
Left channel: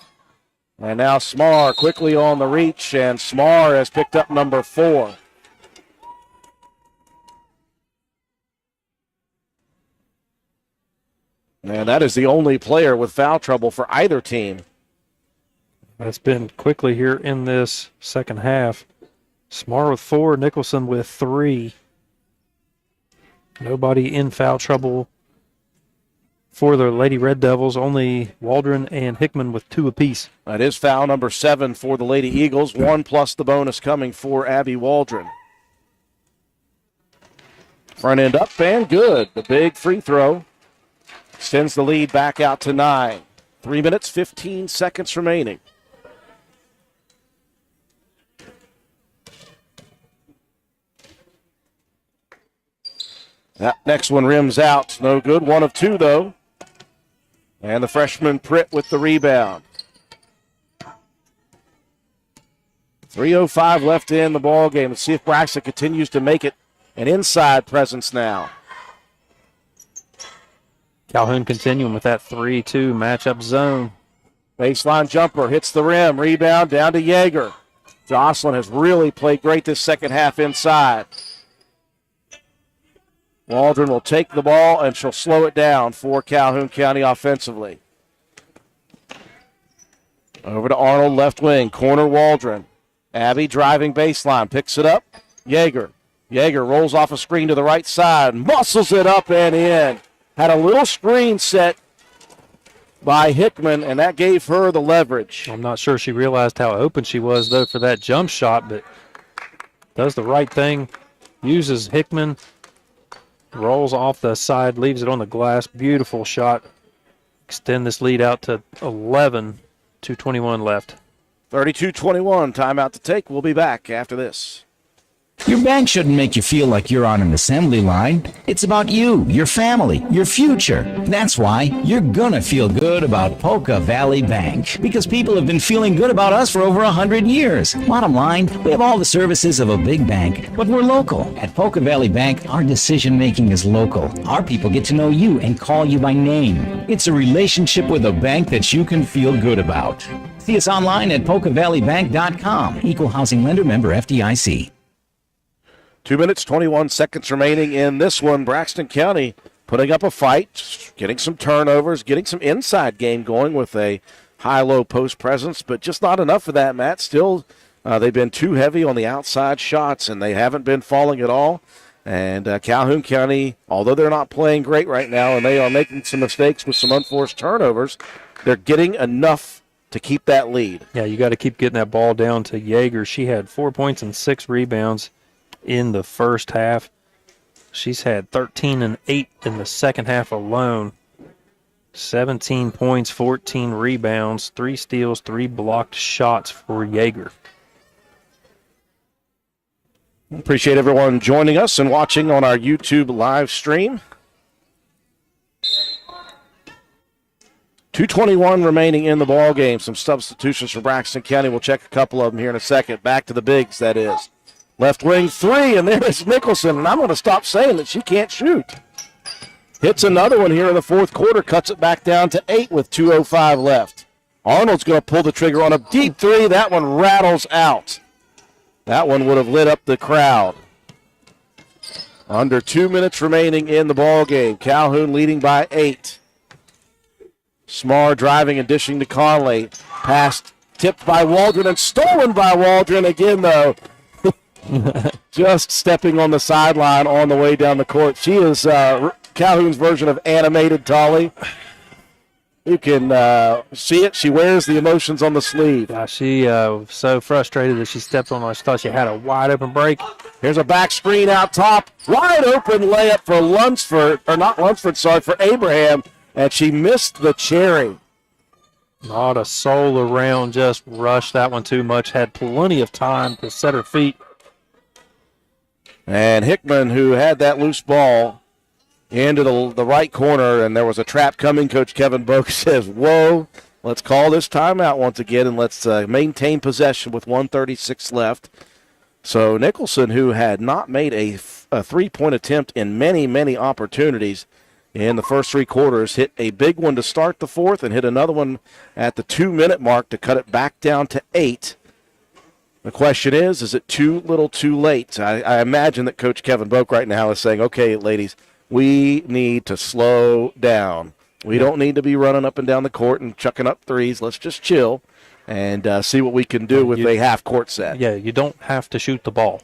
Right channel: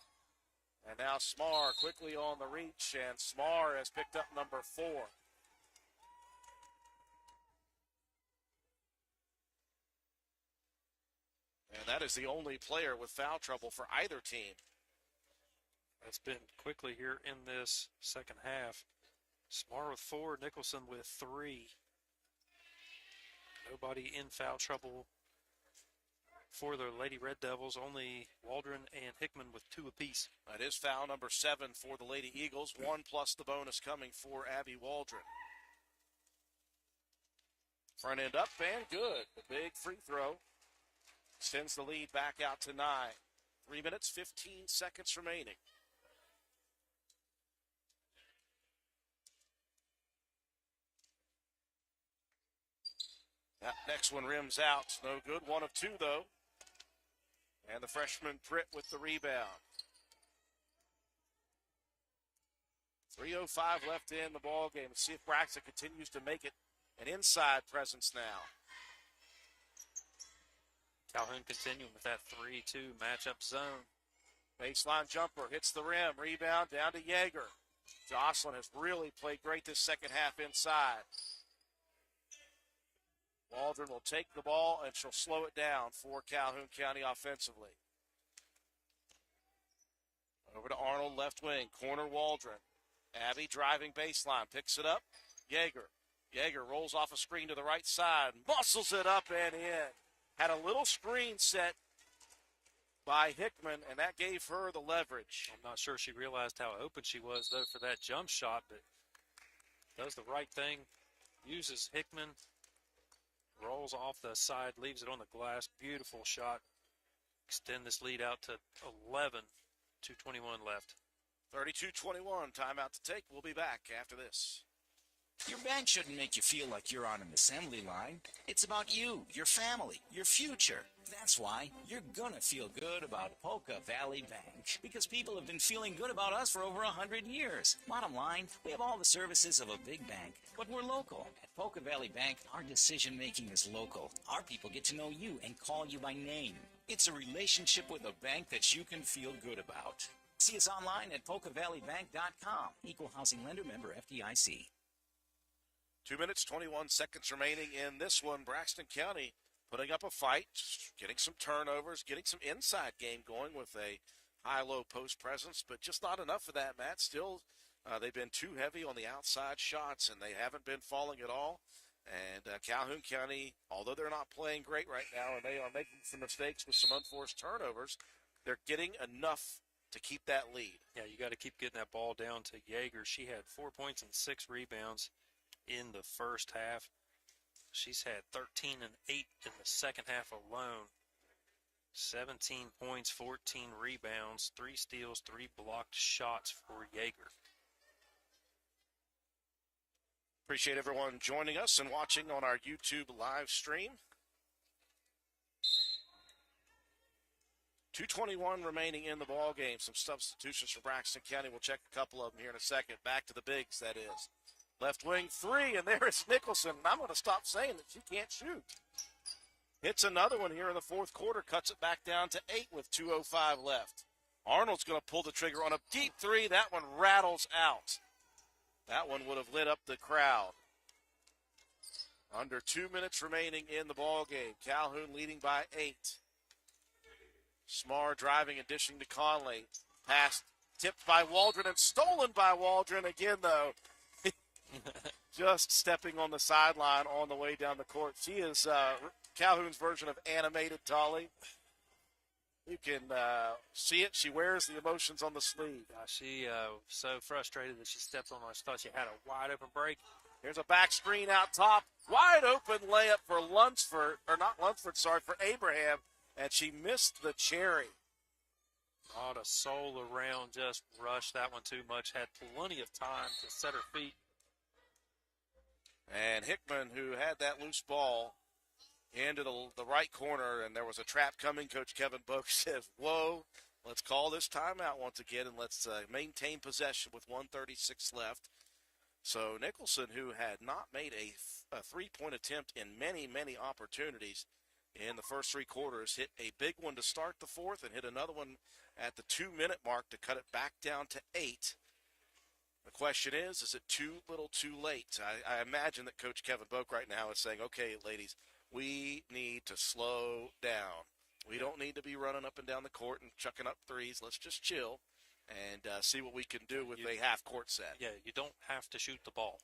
And now Smar quickly on the reach, and Smar has picked up number 4. And that is the only player with foul trouble for either team. That's been quickly here in this second half. Smar with 4, Nicholson with 3. Nobody in foul trouble for the Lady Red Devils, only Waldron and Hickman with 2 apiece. That is foul number 7 for the Lady Eagles, 1 plus the bonus coming for Abby Waldron. Front end up and good. The big free throw extends the lead back out to 9. 3 minutes, 15 seconds remaining. That next one rims out. No good. 1 of 2, though. And the freshman Pritt with the rebound. 3:05 left in the ball game. Let's see if Braxton continues to make it an inside presence now. Calhoun continuing with that 3-2 matchup zone. Baseline jumper hits the rim. Rebound down to Yeager. Jocelyn has really played great this second half inside. Waldron will take the ball, and she'll slow it down for Calhoun County offensively. Over to Arnold, left wing, corner Waldron. Abby driving baseline, picks it up. Yeager. Yeager rolls off a screen to the right side, muscles it up and in. Had a little screen set by Hickman, and that gave her the leverage. I'm not sure she realized how open she was, though, for that jump shot, but does the right thing. Uses Hickman. Rolls off the side, leaves it on the glass. Beautiful shot. Extend this lead out to 11, 2:21 left. 32-21, timeout to take. We'll be back after this. Your bank shouldn't make you feel like you're on an assembly line. It's about you, your family, your future. That's why you're gonna feel good about Polka Valley Bank, because people have been feeling good about us for over 100 years. Bottom line, we have all the services of a big bank, but we're local. At Polka Valley Bank, our decision-making is local. Our people get to know you and call you by name. It's a relationship with a bank that you can feel good about. See us online at polkavalleybank.com. Equal housing lender, member FDIC. 2 minutes, 21 seconds remaining in this one. Braxton County putting up a fight, getting some turnovers, getting some inside game going with a high-low post presence, but just not enough of that, Matt. Still, they've been too heavy on the outside shots, and they haven't been falling at all. And Calhoun County, although they're not playing great right now and they are making some mistakes with some unforced turnovers, they're getting enough to keep that lead. Yeah, you got to keep getting that ball down to Yeager. She had 4 points and 6 rebounds in the first half. She's had 13 and 8 in the second half alone. 17 points, 14 rebounds, 3 steals, 3 blocked shots for Yeager. Appreciate everyone joining us and watching on our YouTube live stream. 2:21 remaining in the ball game. Some substitutions for Braxton County. We'll check a couple of them here in a second. Back to the bigs, that is. Left wing 3, and there is Nicholson, and I'm going to stop saying that she can't shoot. Hits another one here in the fourth quarter, cuts it back down to 8 with 2:05 left. Arnold's going to pull the trigger on a deep 3. That one rattles out. That one would have lit up the crowd. Under 2 minutes remaining in the ball game. Calhoun leading by 8. Smar driving and dishing to Conley. Pass tipped by Waldron and stolen by Waldron again, though. Just stepping on the sideline on the way down the court. She is Calhoun's version of animated Tolly. You can see it. She wears the emotions on the sleeve. Yeah, she was so frustrated that she stepped on. I thought she had a wide open break. Here's a back screen out top. Wide open layup for Lunsford, or not Lunsford, sorry, for Abraham. And she missed the cherry. Not a soul around, just rushed that one too much. Had plenty of time to set her feet. And Hickman, who had that loose ball into the right corner, and there was a trap coming. Coach Kevin Boak says, whoa, let's call this timeout once again, and let's maintain possession with 1:36 left. So Nicholson, who had not made a three-point attempt in many, many opportunities in the first 3 quarters, hit a big one to start the fourth and hit another one at the 2-minute mark to cut it back down to 8. The question is it too little too late? I imagine that Coach Kevin Boak right now is saying, okay, ladies, we need to slow down. We don't need to be running up and down the court and chucking up threes. Let's just chill and see what we can do with a half-court set. Yeah, you don't have to shoot the ball.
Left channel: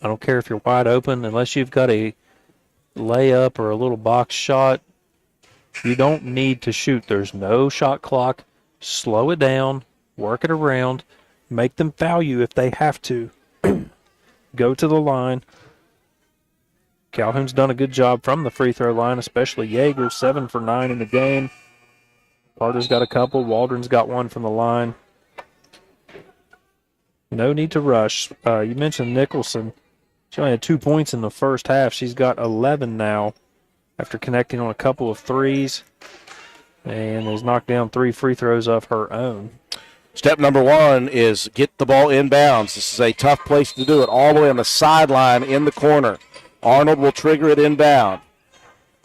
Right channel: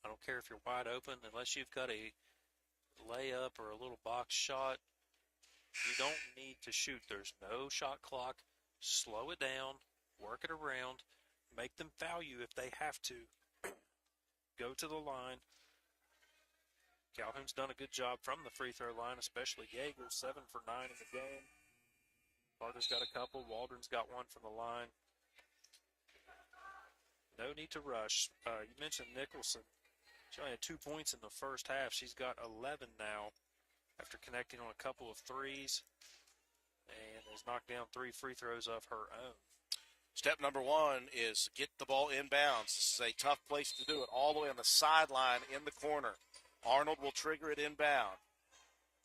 I don't care if you're wide open, unless you've got a layup or a little box shot. You don't need to shoot. There's no shot clock. Slow it down, work it around. Make them foul you if they have to. Go to the line. Calhoun's done a good job from the free throw line, especially Yeager, 7 for 9 in the game. Carter's got a couple. Waldron's got one from the line. No need to rush. You mentioned Nicholson. She only had 2 points in the first half. She's got 11 now after connecting on a couple of threes and has knocked down 3 free throws of her own. Step number 1 is get the ball inbounds. This is a tough place to do it, all the way on the sideline in the corner. Arnold will trigger it inbound.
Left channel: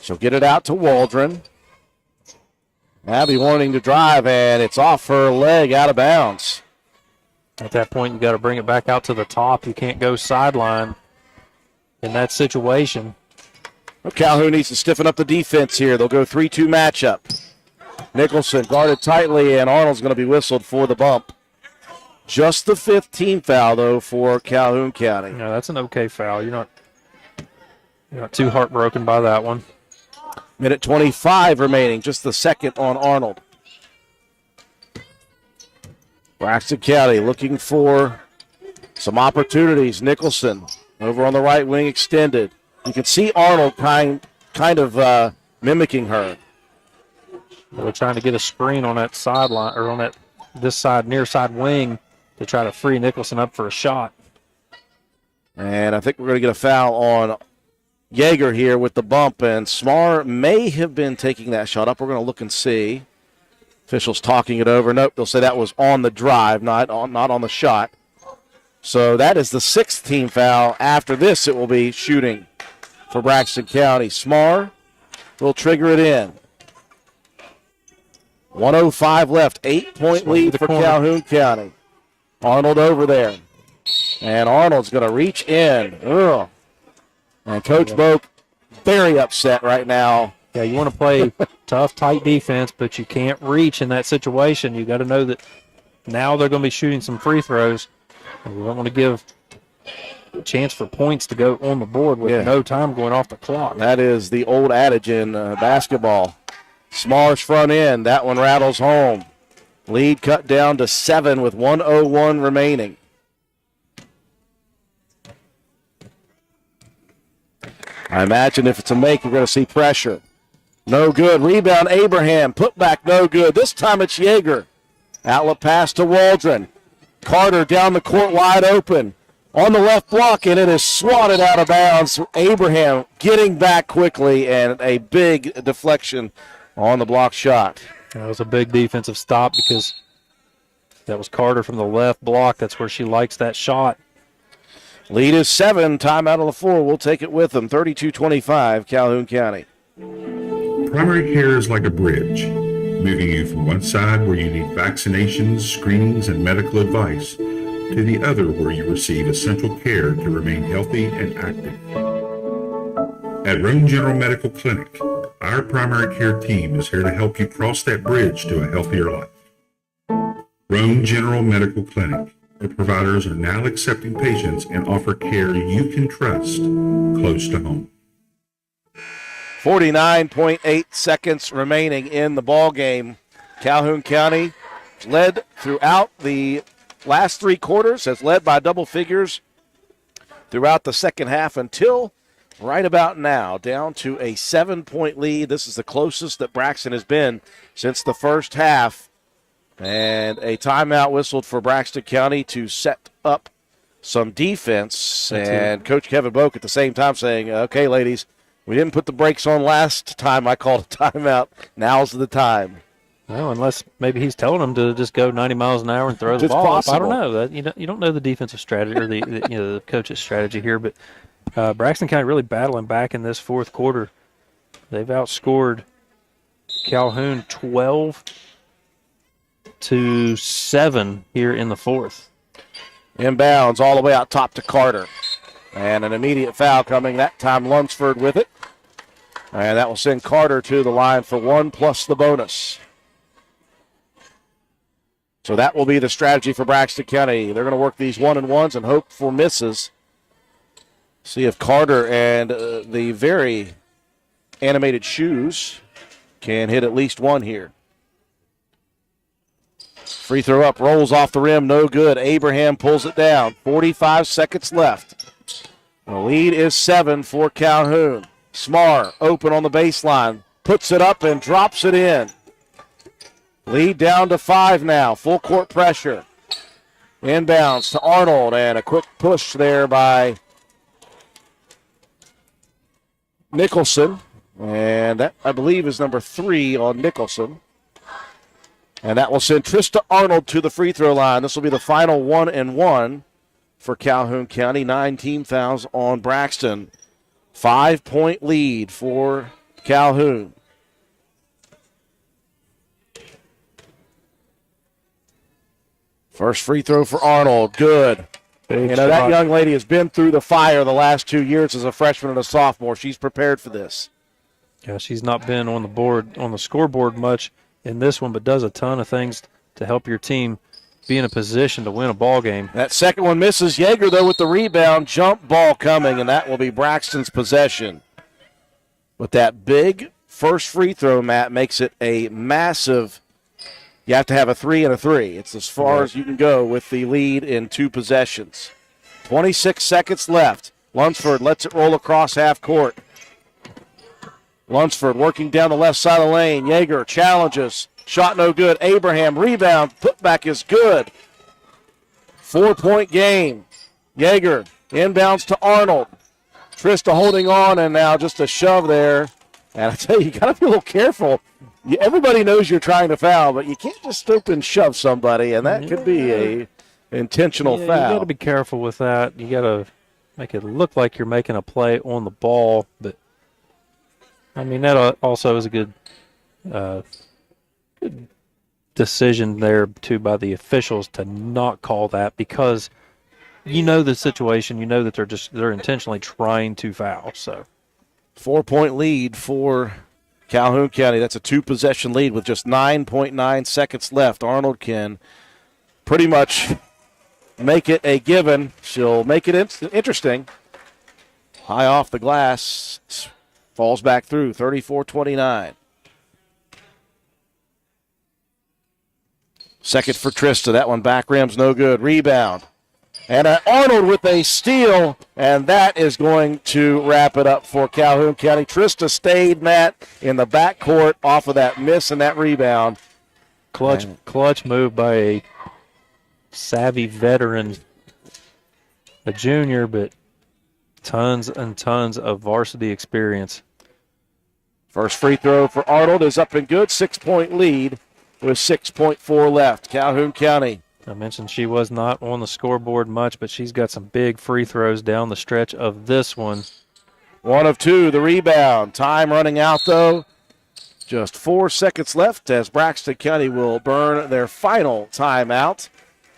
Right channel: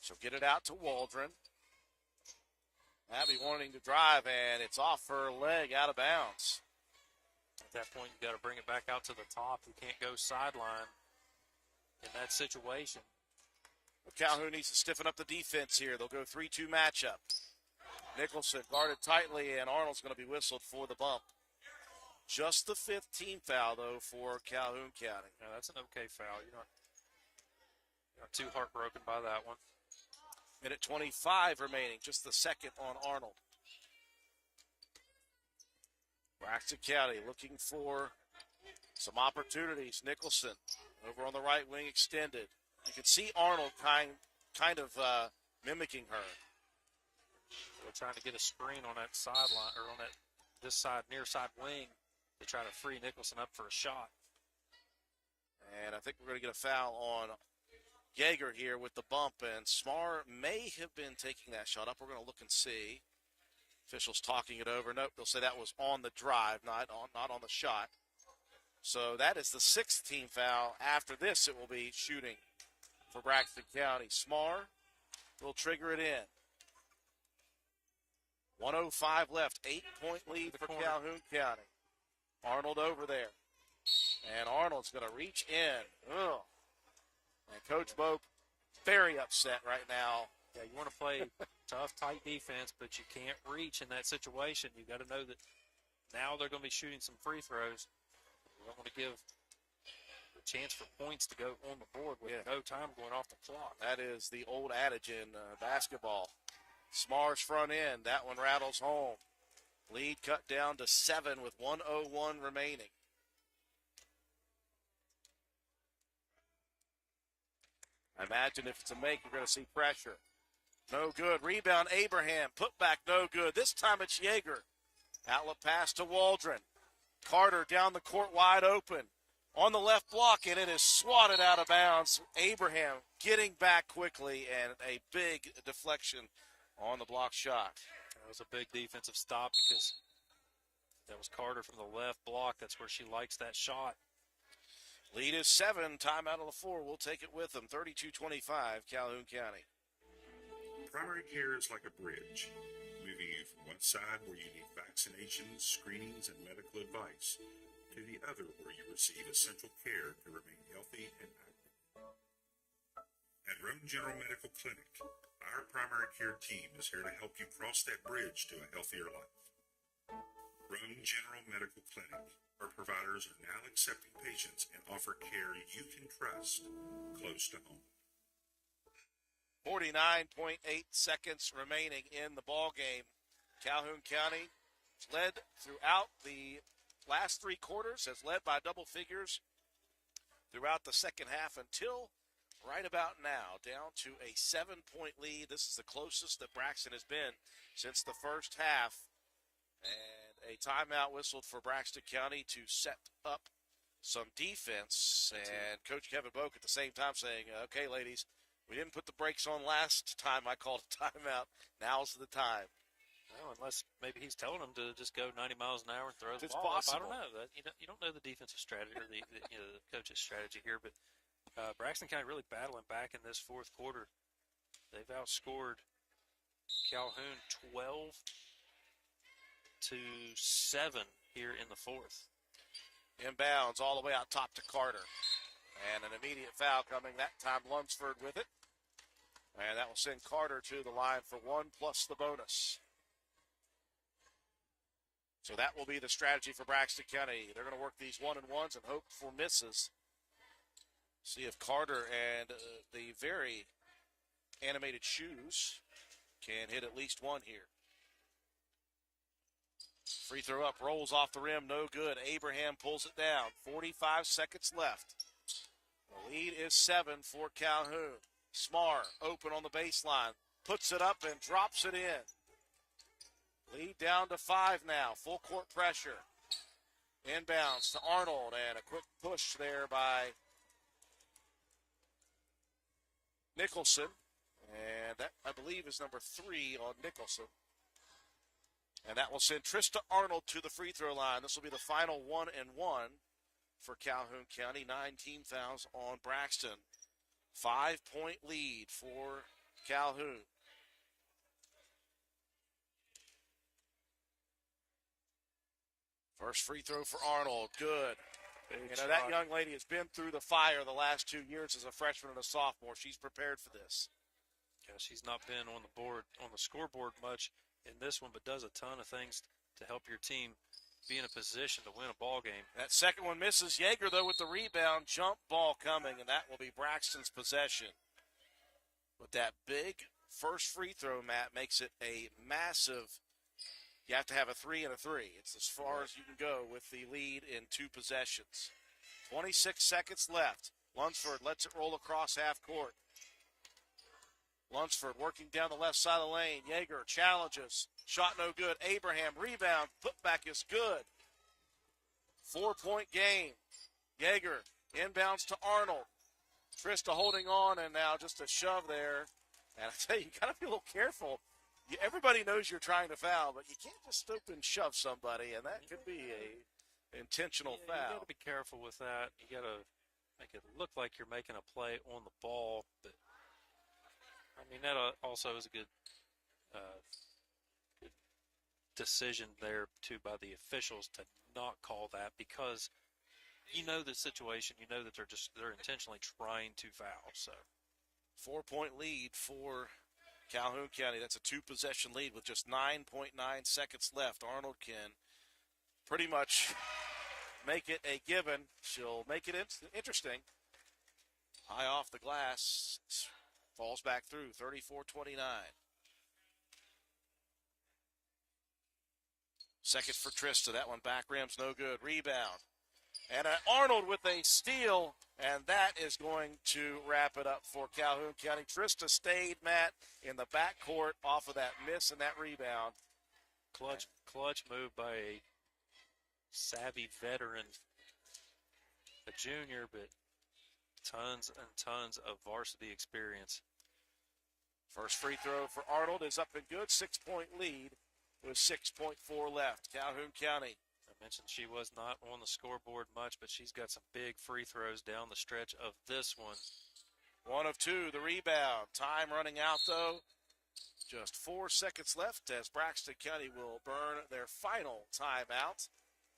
She'll get it out to Waldron. Abby wanting to drive, and it's off her leg, out of bounds. At that point, you got to bring it back out to the top. You can't go sideline in that situation. Well, Calhoun needs to stiffen up the defense here. They'll go 3-2 matchup. Nicholson guarded tightly, and Arnold's going to be whistled for the bump. Just the 15th foul, though, for Calhoun County. No, that's an okay foul. You're not too heartbroken by that one. Minute 25 remaining, just the second on Arnold. Braxton County looking for some opportunities. Nicholson over on the right wing extended. You can see Arnold kind of mimicking her. They're trying to get a screen on that sideline, or on that this side, near side wing to try to free Nicholson up for a shot. And I think we're going to get a foul on Yeager here with the bump, and Smar may have been taking that shot up. We're going to look and see. Officials talking it over. Nope, they'll say that was on the drive, not on the shot. So that is the 6th team foul. After this, it will be shooting for Braxton County. Smar will trigger it in. 1:05 left, 8-point lead for Calhoun County. Arnold over there. And Arnold's going to reach in. Ugh. And Coach Boak very upset right now. Yeah, you want to play tough, tight defense, but you can't reach in that situation. You got to know that now they're going to be shooting some free throws. And we don't want to give a chance for points to go on the board with no time going off the clock. That is the old adage in basketball. Smar's front end. That one rattles home. Lead cut down to 7 with 1:01 remaining. I imagine if it's a make, you're going to see pressure. No good. Rebound, Abraham. Put back, no good. This time it's Yeager. Outlet pass to Waldron. Carter down the court wide open. On the left block, and it is swatted out of bounds. Abraham getting back quickly, and a big deflection on the block shot. That was a big defensive stop because that was Carter from the left block. That's where she likes that shot. Lead is 7. Timeout on the floor. We'll take it with them. 32-25, Calhoun County. Primary care is like a bridge, moving you from one side where you need vaccinations, screenings, and medical advice to the other where you receive essential care to remain healthy and active. At Roan General Medical Clinic, our primary care team is here to help you cross that bridge to a healthier life. Roan General Medical Clinic. Our providers are now accepting patients and offer care you can trust close to home. 49.8 seconds remaining in the ball game. Calhoun County led throughout the last 3 quarters, has led by double figures throughout the second half until right about now, down to a 7-point lead. This is the closest that Braxton has been since the first half. And a timeout whistled for Braxton County to set up some defense. And Coach Kevin Boak at the same time saying, okay, ladies, we didn't put the brakes on last time I called a timeout. Now's the time. Well, unless maybe he's telling them to just go 90 miles an hour and throw the It's ball possible. up. I don't know. You don't know the defensive strategy or the coach's strategy here. But Braxton County really battling back in this fourth quarter. They've outscored Calhoun 12-7 here in the fourth. Inbounds all the way out top to Carter. And an immediate foul coming, that time Lunsford with it. And that will send Carter to the line for 1 plus the bonus. So that will be the strategy for Braxton County. They're going to work these 1-and-1s and hope for misses. See if Carter and the very animated shoes can hit at least one here. Free throw up, rolls off the rim, no good. Abraham pulls it down. 45 seconds left. The lead is 7 for Calhoun. Smar open on the baseline, puts it up and drops it in. Lead down to 5 now. Full court pressure. Inbounds to Arnold, and a quick push there by Nicholson. And that, I believe, is number 3 on Nicholson. And that will send Trista Arnold to the free throw line. This will be the final 1-and-1 for Calhoun County. 9 team fouls on Braxton. 5-point lead for Calhoun. First free throw for Arnold. Good. That young lady has been through the fire the last 2 years as a freshman and a sophomore. She's prepared for this. Yeah, she's not been on the scoreboard much in this one, but does a ton of things to help your team be in a position to win a ball game. That second one misses. Yeager, though, with the rebound. Jump ball coming, and that will be Braxton's possession. But that big first free throw, Matt, makes it a massive. You have to have a 3 and a 3. It's as far as you can go with the lead in 2 possessions. 26 seconds left. Lunsford lets it roll across half court. Lunsford working down the left side of the lane. Yeager challenges. Shot no good. Abraham, rebound, putback is good. 4-point game. Yeager inbounds to Arnold. Trista holding on, and now just a shove there. And I tell you, you got to be a little careful. Everybody knows you're trying to foul, but you can't just stoop and shove somebody, and that could be a intentional foul. You got to be careful with that. You got to make it look like you're making a play on the ball, but I mean that also is a good decision there too by the officials to not call that, because you know the situation, you know that they're intentionally trying to foul. So 4-point lead for Calhoun County. That's a 2-possession lead with just 9.9 seconds left. Arnold can pretty much make it a given. She'll make it interesting. High off the glass, falls back through, 34-29. Second for Trista. That one back rim's no good. Rebound. And Arnold with a steal, and that is going to wrap it up for Calhoun County. Trista stayed, Matt, in the backcourt off of that miss and that rebound. Clutch move by a savvy veteran, a junior, but tons and tons of varsity experience. First free throw for Arnold is up and good. 6-point lead with 6.4 left. Calhoun County. I mentioned she was not on the scoreboard much, but she's got some big free throws down the stretch of this one. 1 of 2, the rebound. Time running out, though. Just 4 seconds left as Braxton County will burn their final timeout.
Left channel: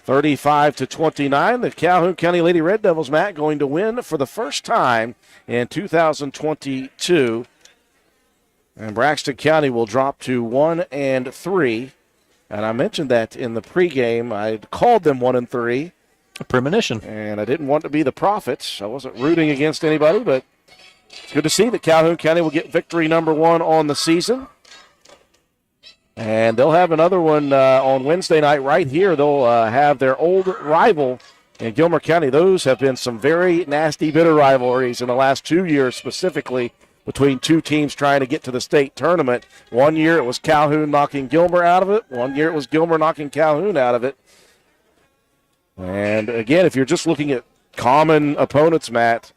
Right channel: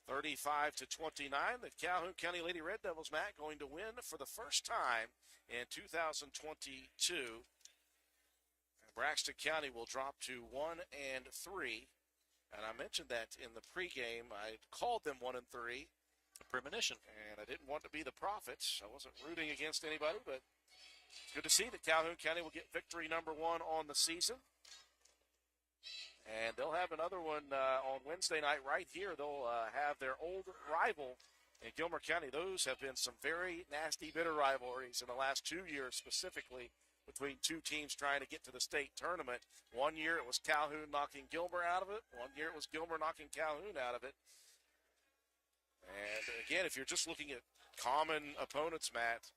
35-29. The Calhoun County Lady Red Devils, Matt, going to win for the first time in 2022. And Braxton County will drop to 1-3. And I mentioned that in the pregame. I called them 1-3. A premonition. And I didn't want to be the prophet. I wasn't rooting against anybody, but it's good to see that Calhoun County will get victory number 1 on the season. And they'll have another one on Wednesday night right here. They'll have their old rival in Gilmer County. Those have been some very nasty, bitter rivalries in the last 2 years specifically, between two teams trying to get to the state tournament. One year it was Calhoun knocking Gilmer out of it. One year it was Gilmer knocking Calhoun out of it. And again, if you're just looking at common opponents, Matt,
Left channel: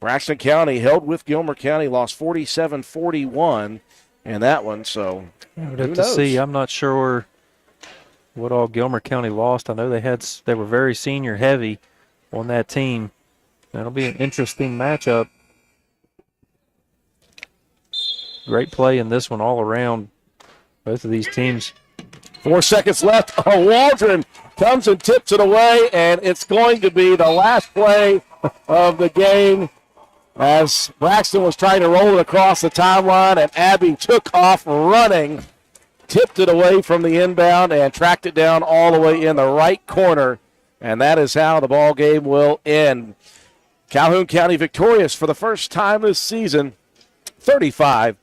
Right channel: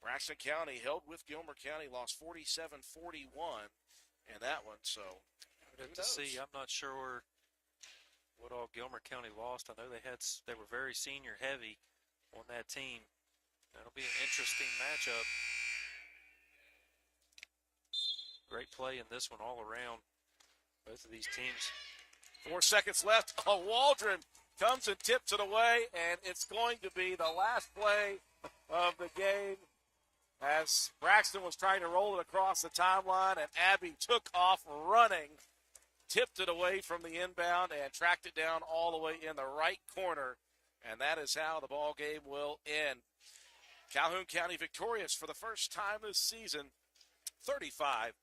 Braxton County held with Gilmer County, lost 47-41 in that one. So I would have to see. I'm not sure what all Gilmer County lost. I know they were very senior heavy on that team. That'll be an interesting matchup. Great play in this one all around. Both of these teams. 4 seconds left. Oh, Waldron comes and tips it away, and it's going to be the last play of the game as Braxton was trying to roll it across the timeline, and Abby took off running, tipped it away from the inbound, and tracked it down all the way in the right corner. And that is how the ball game will end. Calhoun County victorious for the first time this season, 35-29.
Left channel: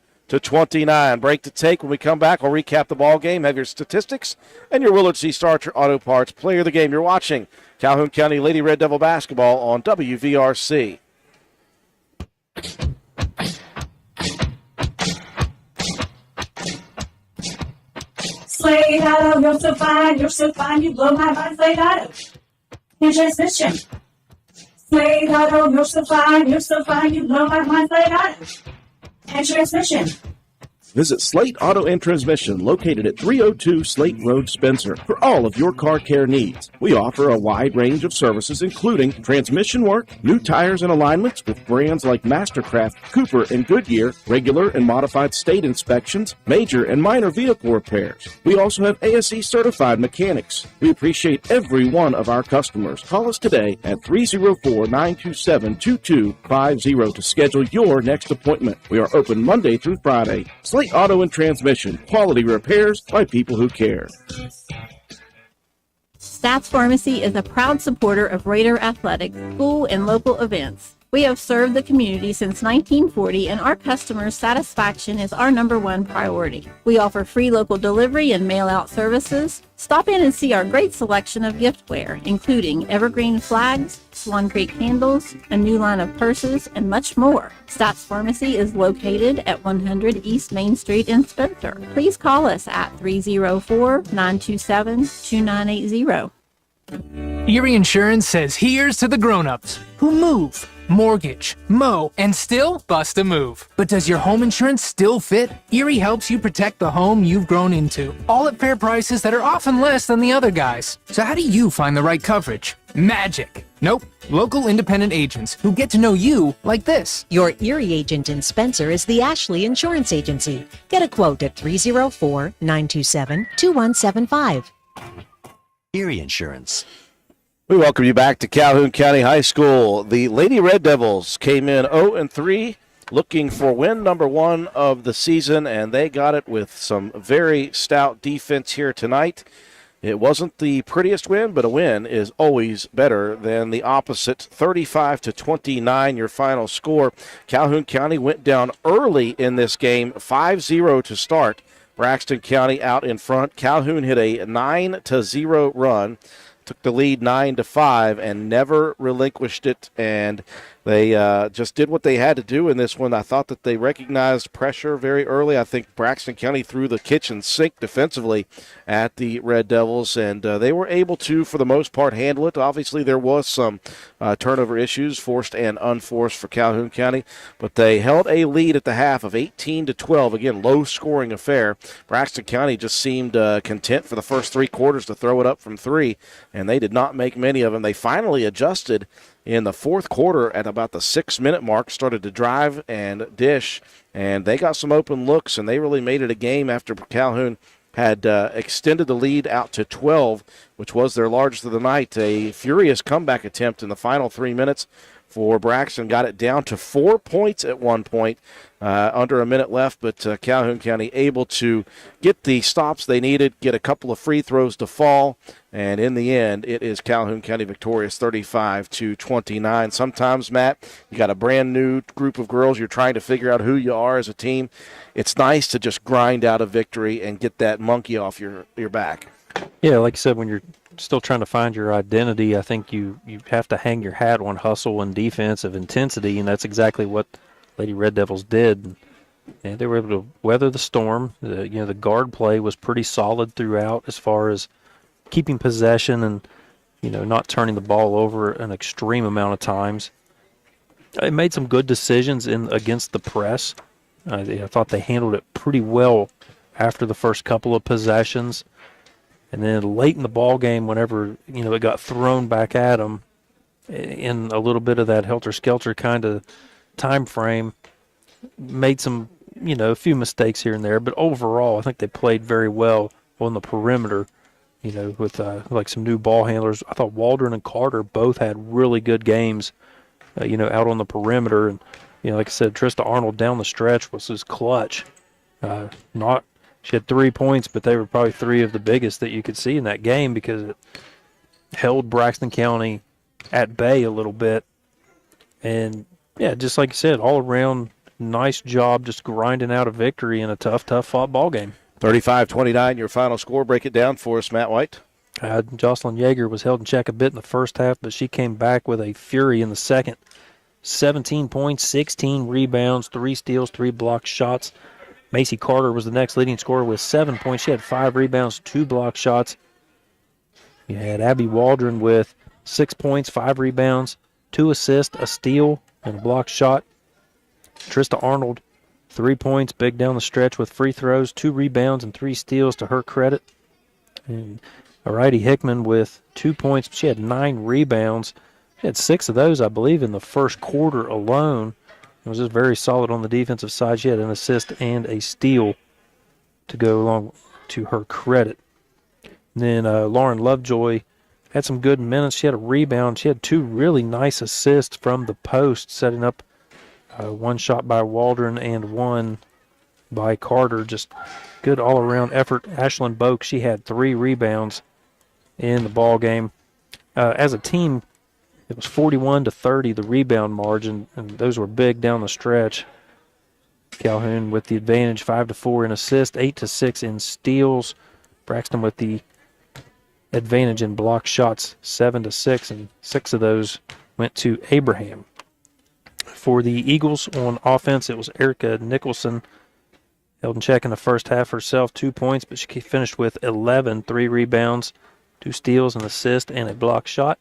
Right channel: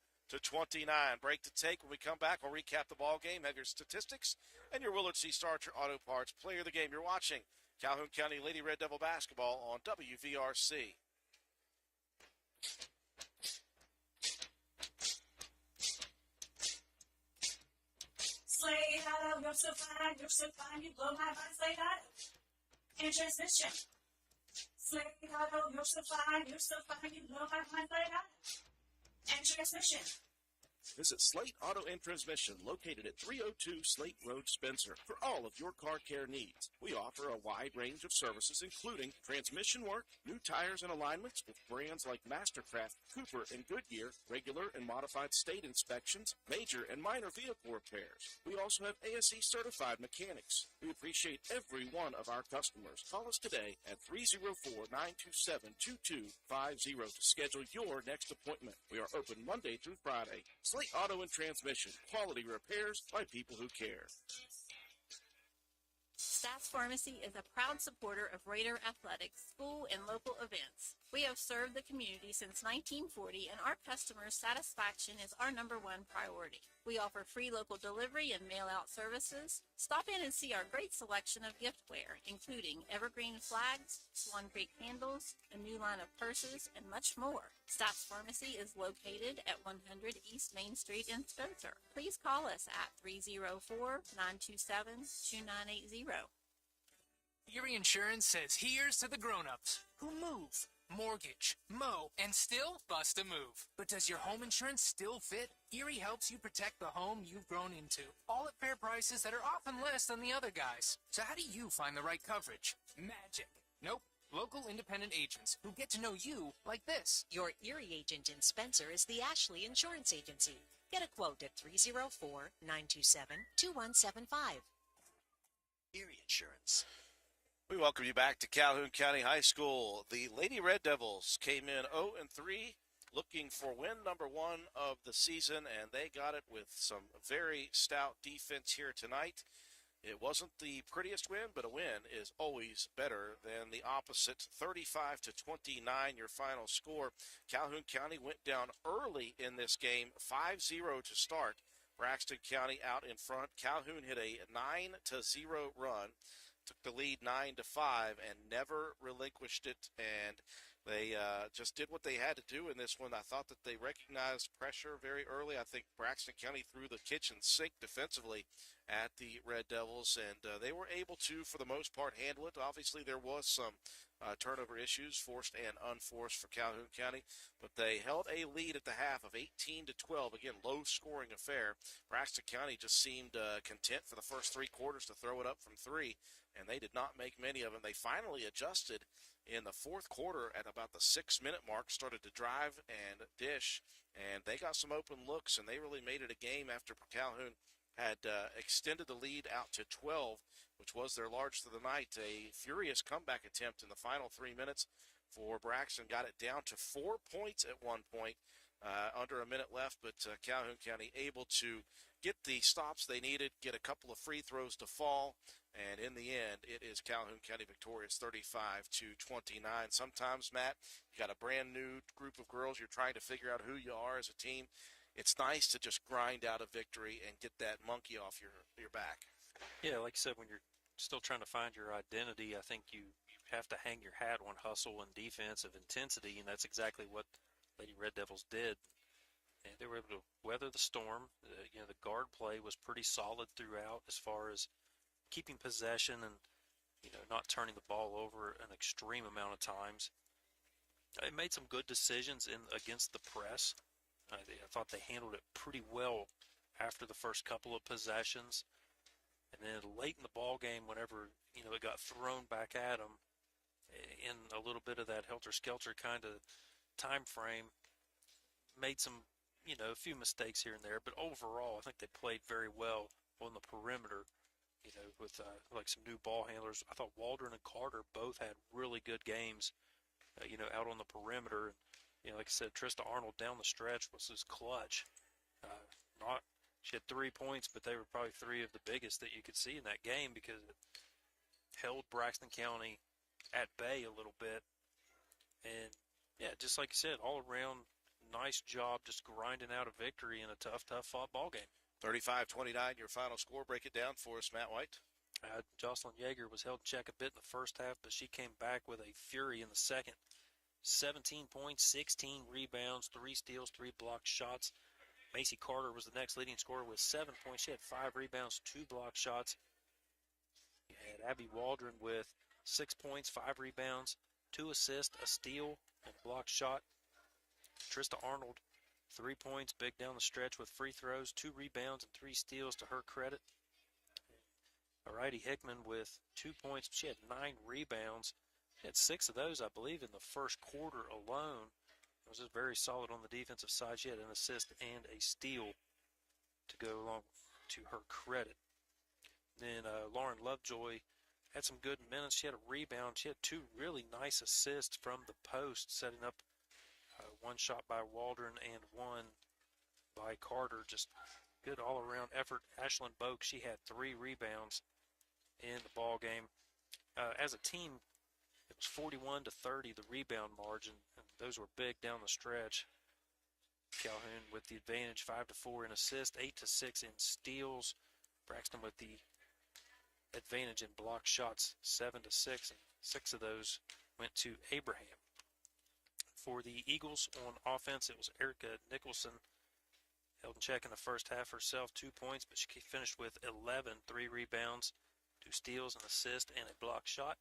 Break to take. When we come back, we'll recap the ball game, have your statistics, and your Willard C. Starcher Auto Parts player of the game. You're watching Calhoun County Lady Red Devil basketball on WVRC. Slade Auto, you're so fine, you blow my mind, Slade Auto. And transmission. Slade Auto, you're so fine, you blow my mind, Slade Auto. And transmission. Visit Slate Auto and Transmission, located at 302 Slate Road, Spencer, for all of your car care needs. We offer a wide range of services, including transmission work, new tires and alignments with brands like Mastercraft, Cooper, and Goodyear, regular and modified state inspections, major and minor vehicle repairs. We also have ASE certified mechanics. We appreciate every one of our customers. Call us today at 304-927-2250 to schedule your next appointment. We are open Monday through Friday. Slate Auto and Transmission, quality repairs by people who care. Stats Pharmacy is a proud supporter of Raider athletics, school, and local events. We have served the community since 1940, and our customers' satisfaction is our #1 priority. We offer free local delivery and mail-out services. Stop in and see our great selection of giftware, including evergreen flags, Swan Creek candles, a new line of purses, and much more. Stats Pharmacy is located at 100 East Main Street in Spencer. Please call us at 304-927-2980. Erie Insurance says here's to the grown-ups who move, mortgage, mow, and still bust a move. But does your home insurance still fit? Erie helps you protect the home you've grown into, all at fair prices that are often less than the other guys. So how do you find the right coverage? Magic. Nope. Local independent agents who get to know you like this. Your Erie agent in Spencer is the Ashley Insurance Agency. Get a quote at 304-927-2175. Erie Insurance. We welcome you back to Calhoun County High School. The Lady Red Devils came in 0-3, looking for win #1 of the season, and they got it with some very stout defense here tonight. It wasn't the prettiest win, but a win is always better than the opposite. 35-29, your final score. Calhoun County went down early in this game, 5-0 to start. Braxton County out in front. Calhoun hit a 9-0 run, took the lead 9-5, and never relinquished it. And they just did what they had to do in this one. I thought that they recognized pressure very early. I think Braxton County threw the kitchen sink defensively at the Red Devils, and they were able to, for the most part, handle it. Obviously, there was some turnover issues, forced and unforced, for Calhoun County, but they held a lead at the half of 18-12. Again, low-scoring affair. Braxton County just seemed content for the first 3 quarters to throw it up from 3, and they did not make many of them. They finally adjusted in the fourth quarter at about the 6-minute mark, started to drive and dish, and they got some open looks, and they really made it a game after Calhoun had extended the lead out to 12, which was their largest of the night. A furious comeback attempt in the final 3 minutes for Braxton, got it down to 4 points at one point, under a minute left, but Calhoun County able to get the stops they needed, get a couple of free throws to fall, and in the end, it is Calhoun County victorious 35-29. Sometimes, Matt, you got a brand new group of girls, you're trying to figure out who you are as a team. It's nice to just grind out a victory and get that monkey off your back. Yeah, like you said, when you're still trying to find your identity, I think you have to hang your hat on hustle and defensive intensity, and that's exactly what Lady Red Devils did. And they were able to weather the storm. The guard play was pretty solid throughout as far as keeping possession and not turning the ball over an extreme amount of times. It made some good decisions against the press. I thought they handled it pretty well after the first couple of possessions. And then late in the ball game, whenever it got thrown back at them in a little bit of that helter-skelter kind of time frame, made some, a few mistakes here and there. But overall, I think they played very well on the perimeter, with like some new ball handlers. I thought Waldron and Carter both had really good games, out on the perimeter. And, like I said, Trista Arnold down the stretch was his clutch. She had 3 points, but they were probably 3 of the biggest that you could see in that game because it held Braxton County at bay a little bit. And, yeah, just like you said, all around, nice job just grinding out a victory in a tough fought ball game. 35-29, your final score. Break it down for us, Matt White. Jocelyn Yeager was held in check a bit in the first half, but she came back with a fury in the second. 17 points, 16 rebounds, 3 steals, 3 blocked shots. Macy Carter was the next leading scorer with 7 points. She had 5 rebounds, 2 blocked shots. You had Abby Waldron with 6 points, 5 rebounds, 2 assists, a steal, and a blocked shot. Trista Arnold, 3 points, big down the stretch with free throws, 2 rebounds, and 3 steals to her credit. And Arighty Hickman with 2 points. She had 9 rebounds. She had 6 of those, I believe, in the first quarter alone. It was just very solid on the defensive side. She had an assist and a steal to go along to her credit. And then Lauren Lovejoy had some good minutes. She had a rebound. She had 2 really nice assists from the post, setting up one shot by Waldron and one by Carter. Just good all-around effort. Ashlyn Boak, she had 3 rebounds in the ball game. As a team, It was 41-30, the rebound margin, and those were big down the stretch. Calhoun with the advantage, 5-4 in assists, 8-6 in steals. Braxton with the advantage in block shots, 7-6, and 6 of those went to Abraham. For the Eagles on offense, it was Erica Nicholson. Held in check in the first half herself, 2 points, but she finished with 11, 3 rebounds, 2 steals, an assist, and a block shot.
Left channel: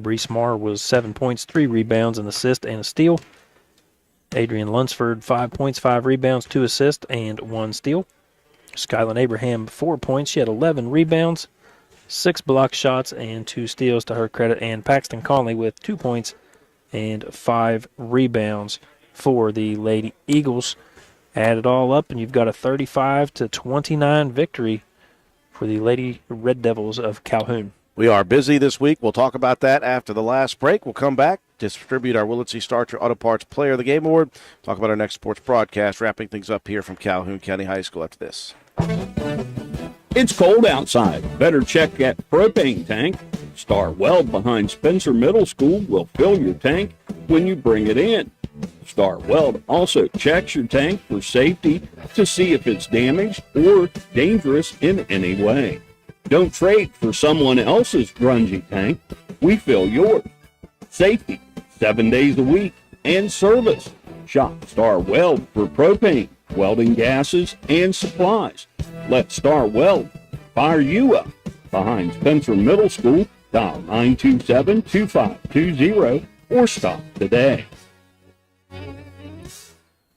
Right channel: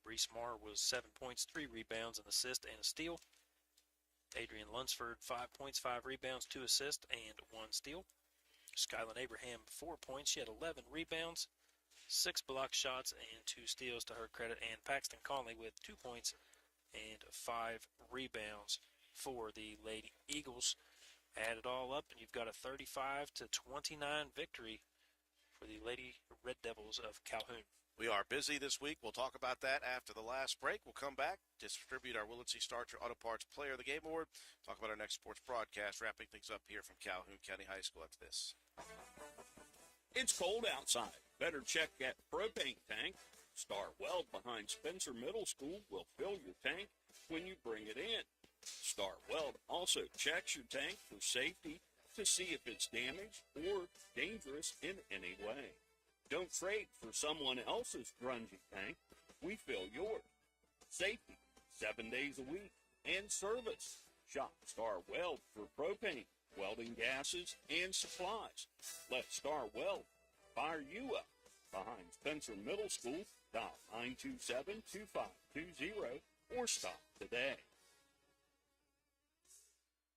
Brees Marr was 7 points, 3 rebounds, an assist, and a steal. Adrian Lunsford, 5 points, 5 rebounds, 2 assists, and 1 steal. Skyland Abraham, 4 points. She had 11 rebounds, 6 block shots, and 2 steals to her credit. And Paxton Conley with 2 points and 5 rebounds for the Lady Eagles. Add it all up, and you've got a 35-29 victory for the Lady Red Devils of Calhoun. We are busy this week. We'll talk about that after the last break. We'll come back, distribute our Willett C. Starcher Auto Parts Player of the Game Award, talk about our next sports broadcast, wrapping things up here from Calhoun County High School after this. It's cold outside. Better check that propane tank. Star Weld behind Spencer Middle School will fill your tank when you bring it in. Star Weld also checks your tank for safety to see if it's damaged or dangerous in any way. Don't trade for someone else's grungy tank. We fill yours. Safety, 7 days a week, and service. Shop Star Weld for propane, welding gases, and supplies. Let Star Weld fire you up. Behind Spencer Middle School, dial 927-2520 or stop today.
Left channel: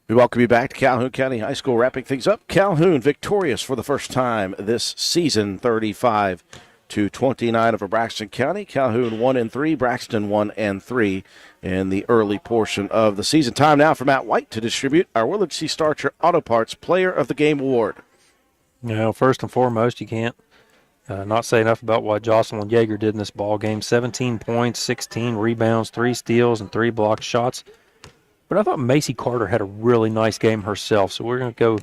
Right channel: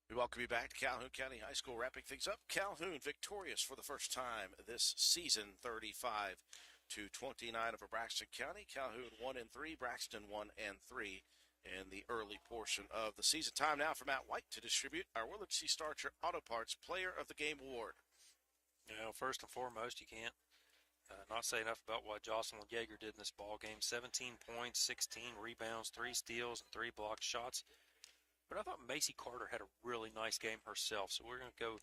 We welcome you back to Calhoun County High School, wrapping things up. Calhoun victorious for the first time this season, 35-29 over Braxton County. Calhoun 1-3, Braxton 1-3 in the early portion of the season. Time now for Matt White to distribute our Willard C. Starcher Auto Parts Player of the Game Award. Now, first and foremost, you can't not say enough about what Jocelyn Yeager did in this ball game. 17 points, 16 rebounds, 3 steals, and 3 blocked shots. But I thought Macy Carter had a really nice game herself, so we're going to go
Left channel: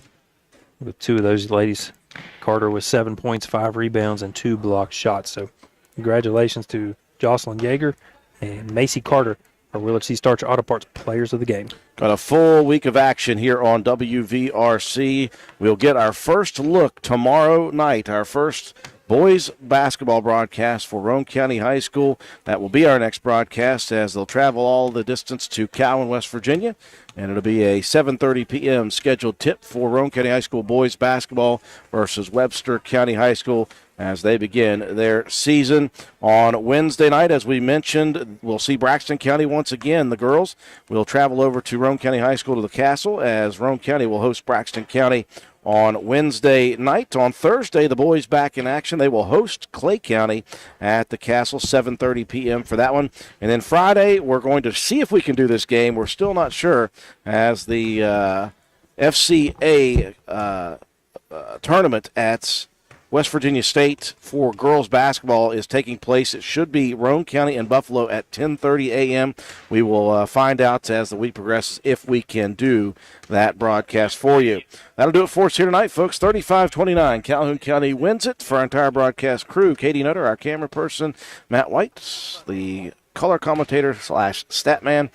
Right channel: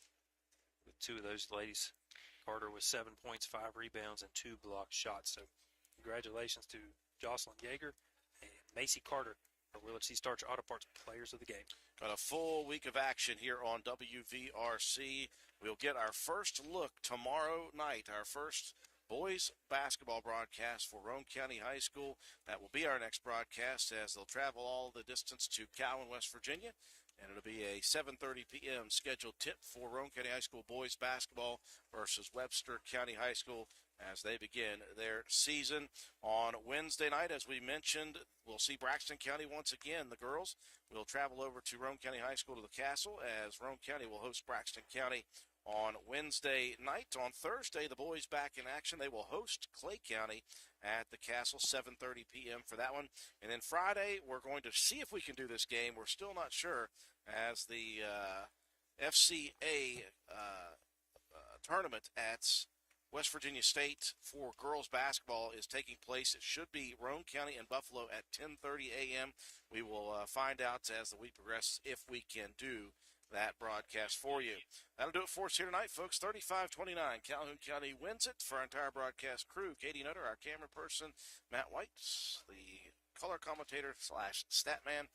with 2 of those ladies. Carter with 7 points, 5 rebounds, and 2 blocked shots. So congratulations to Jocelyn Yeager and Macy Carter, our Willard C. Starcher Auto Parts Players of the Game. Got a full week of action here on WVRC. We'll get our first look tomorrow night, our first boys basketball broadcast for Roane County High School. That will be our next broadcast as they'll travel all the distance to Calhoun, West Virginia. And it'll be a 7:30 p.m. scheduled tip for Roane County High School boys basketball versus Webster County High School as they begin their season. On Wednesday night, as we mentioned, we'll see Braxton County once again. The girls will travel over to Roane County High School to the Castle as Roane County will host Braxton County on Wednesday night. On Thursday, the boys back in action. They will host Clay County at the Castle, 7:30 p.m. for that one. And then Friday, we're going to see if we can do this game. We're still not sure as the FCA tournament at West Virginia State for girls basketball is taking place. It should be Roane County and Buffalo at 10:30 a.m. We will find out as the week progresses if we can do that broadcast for you. That'll do it for us here tonight, folks. 35-29. Calhoun County wins it. For our entire broadcast crew, Katie Nutter, our camera person, Matt White, the color commentator / stat man,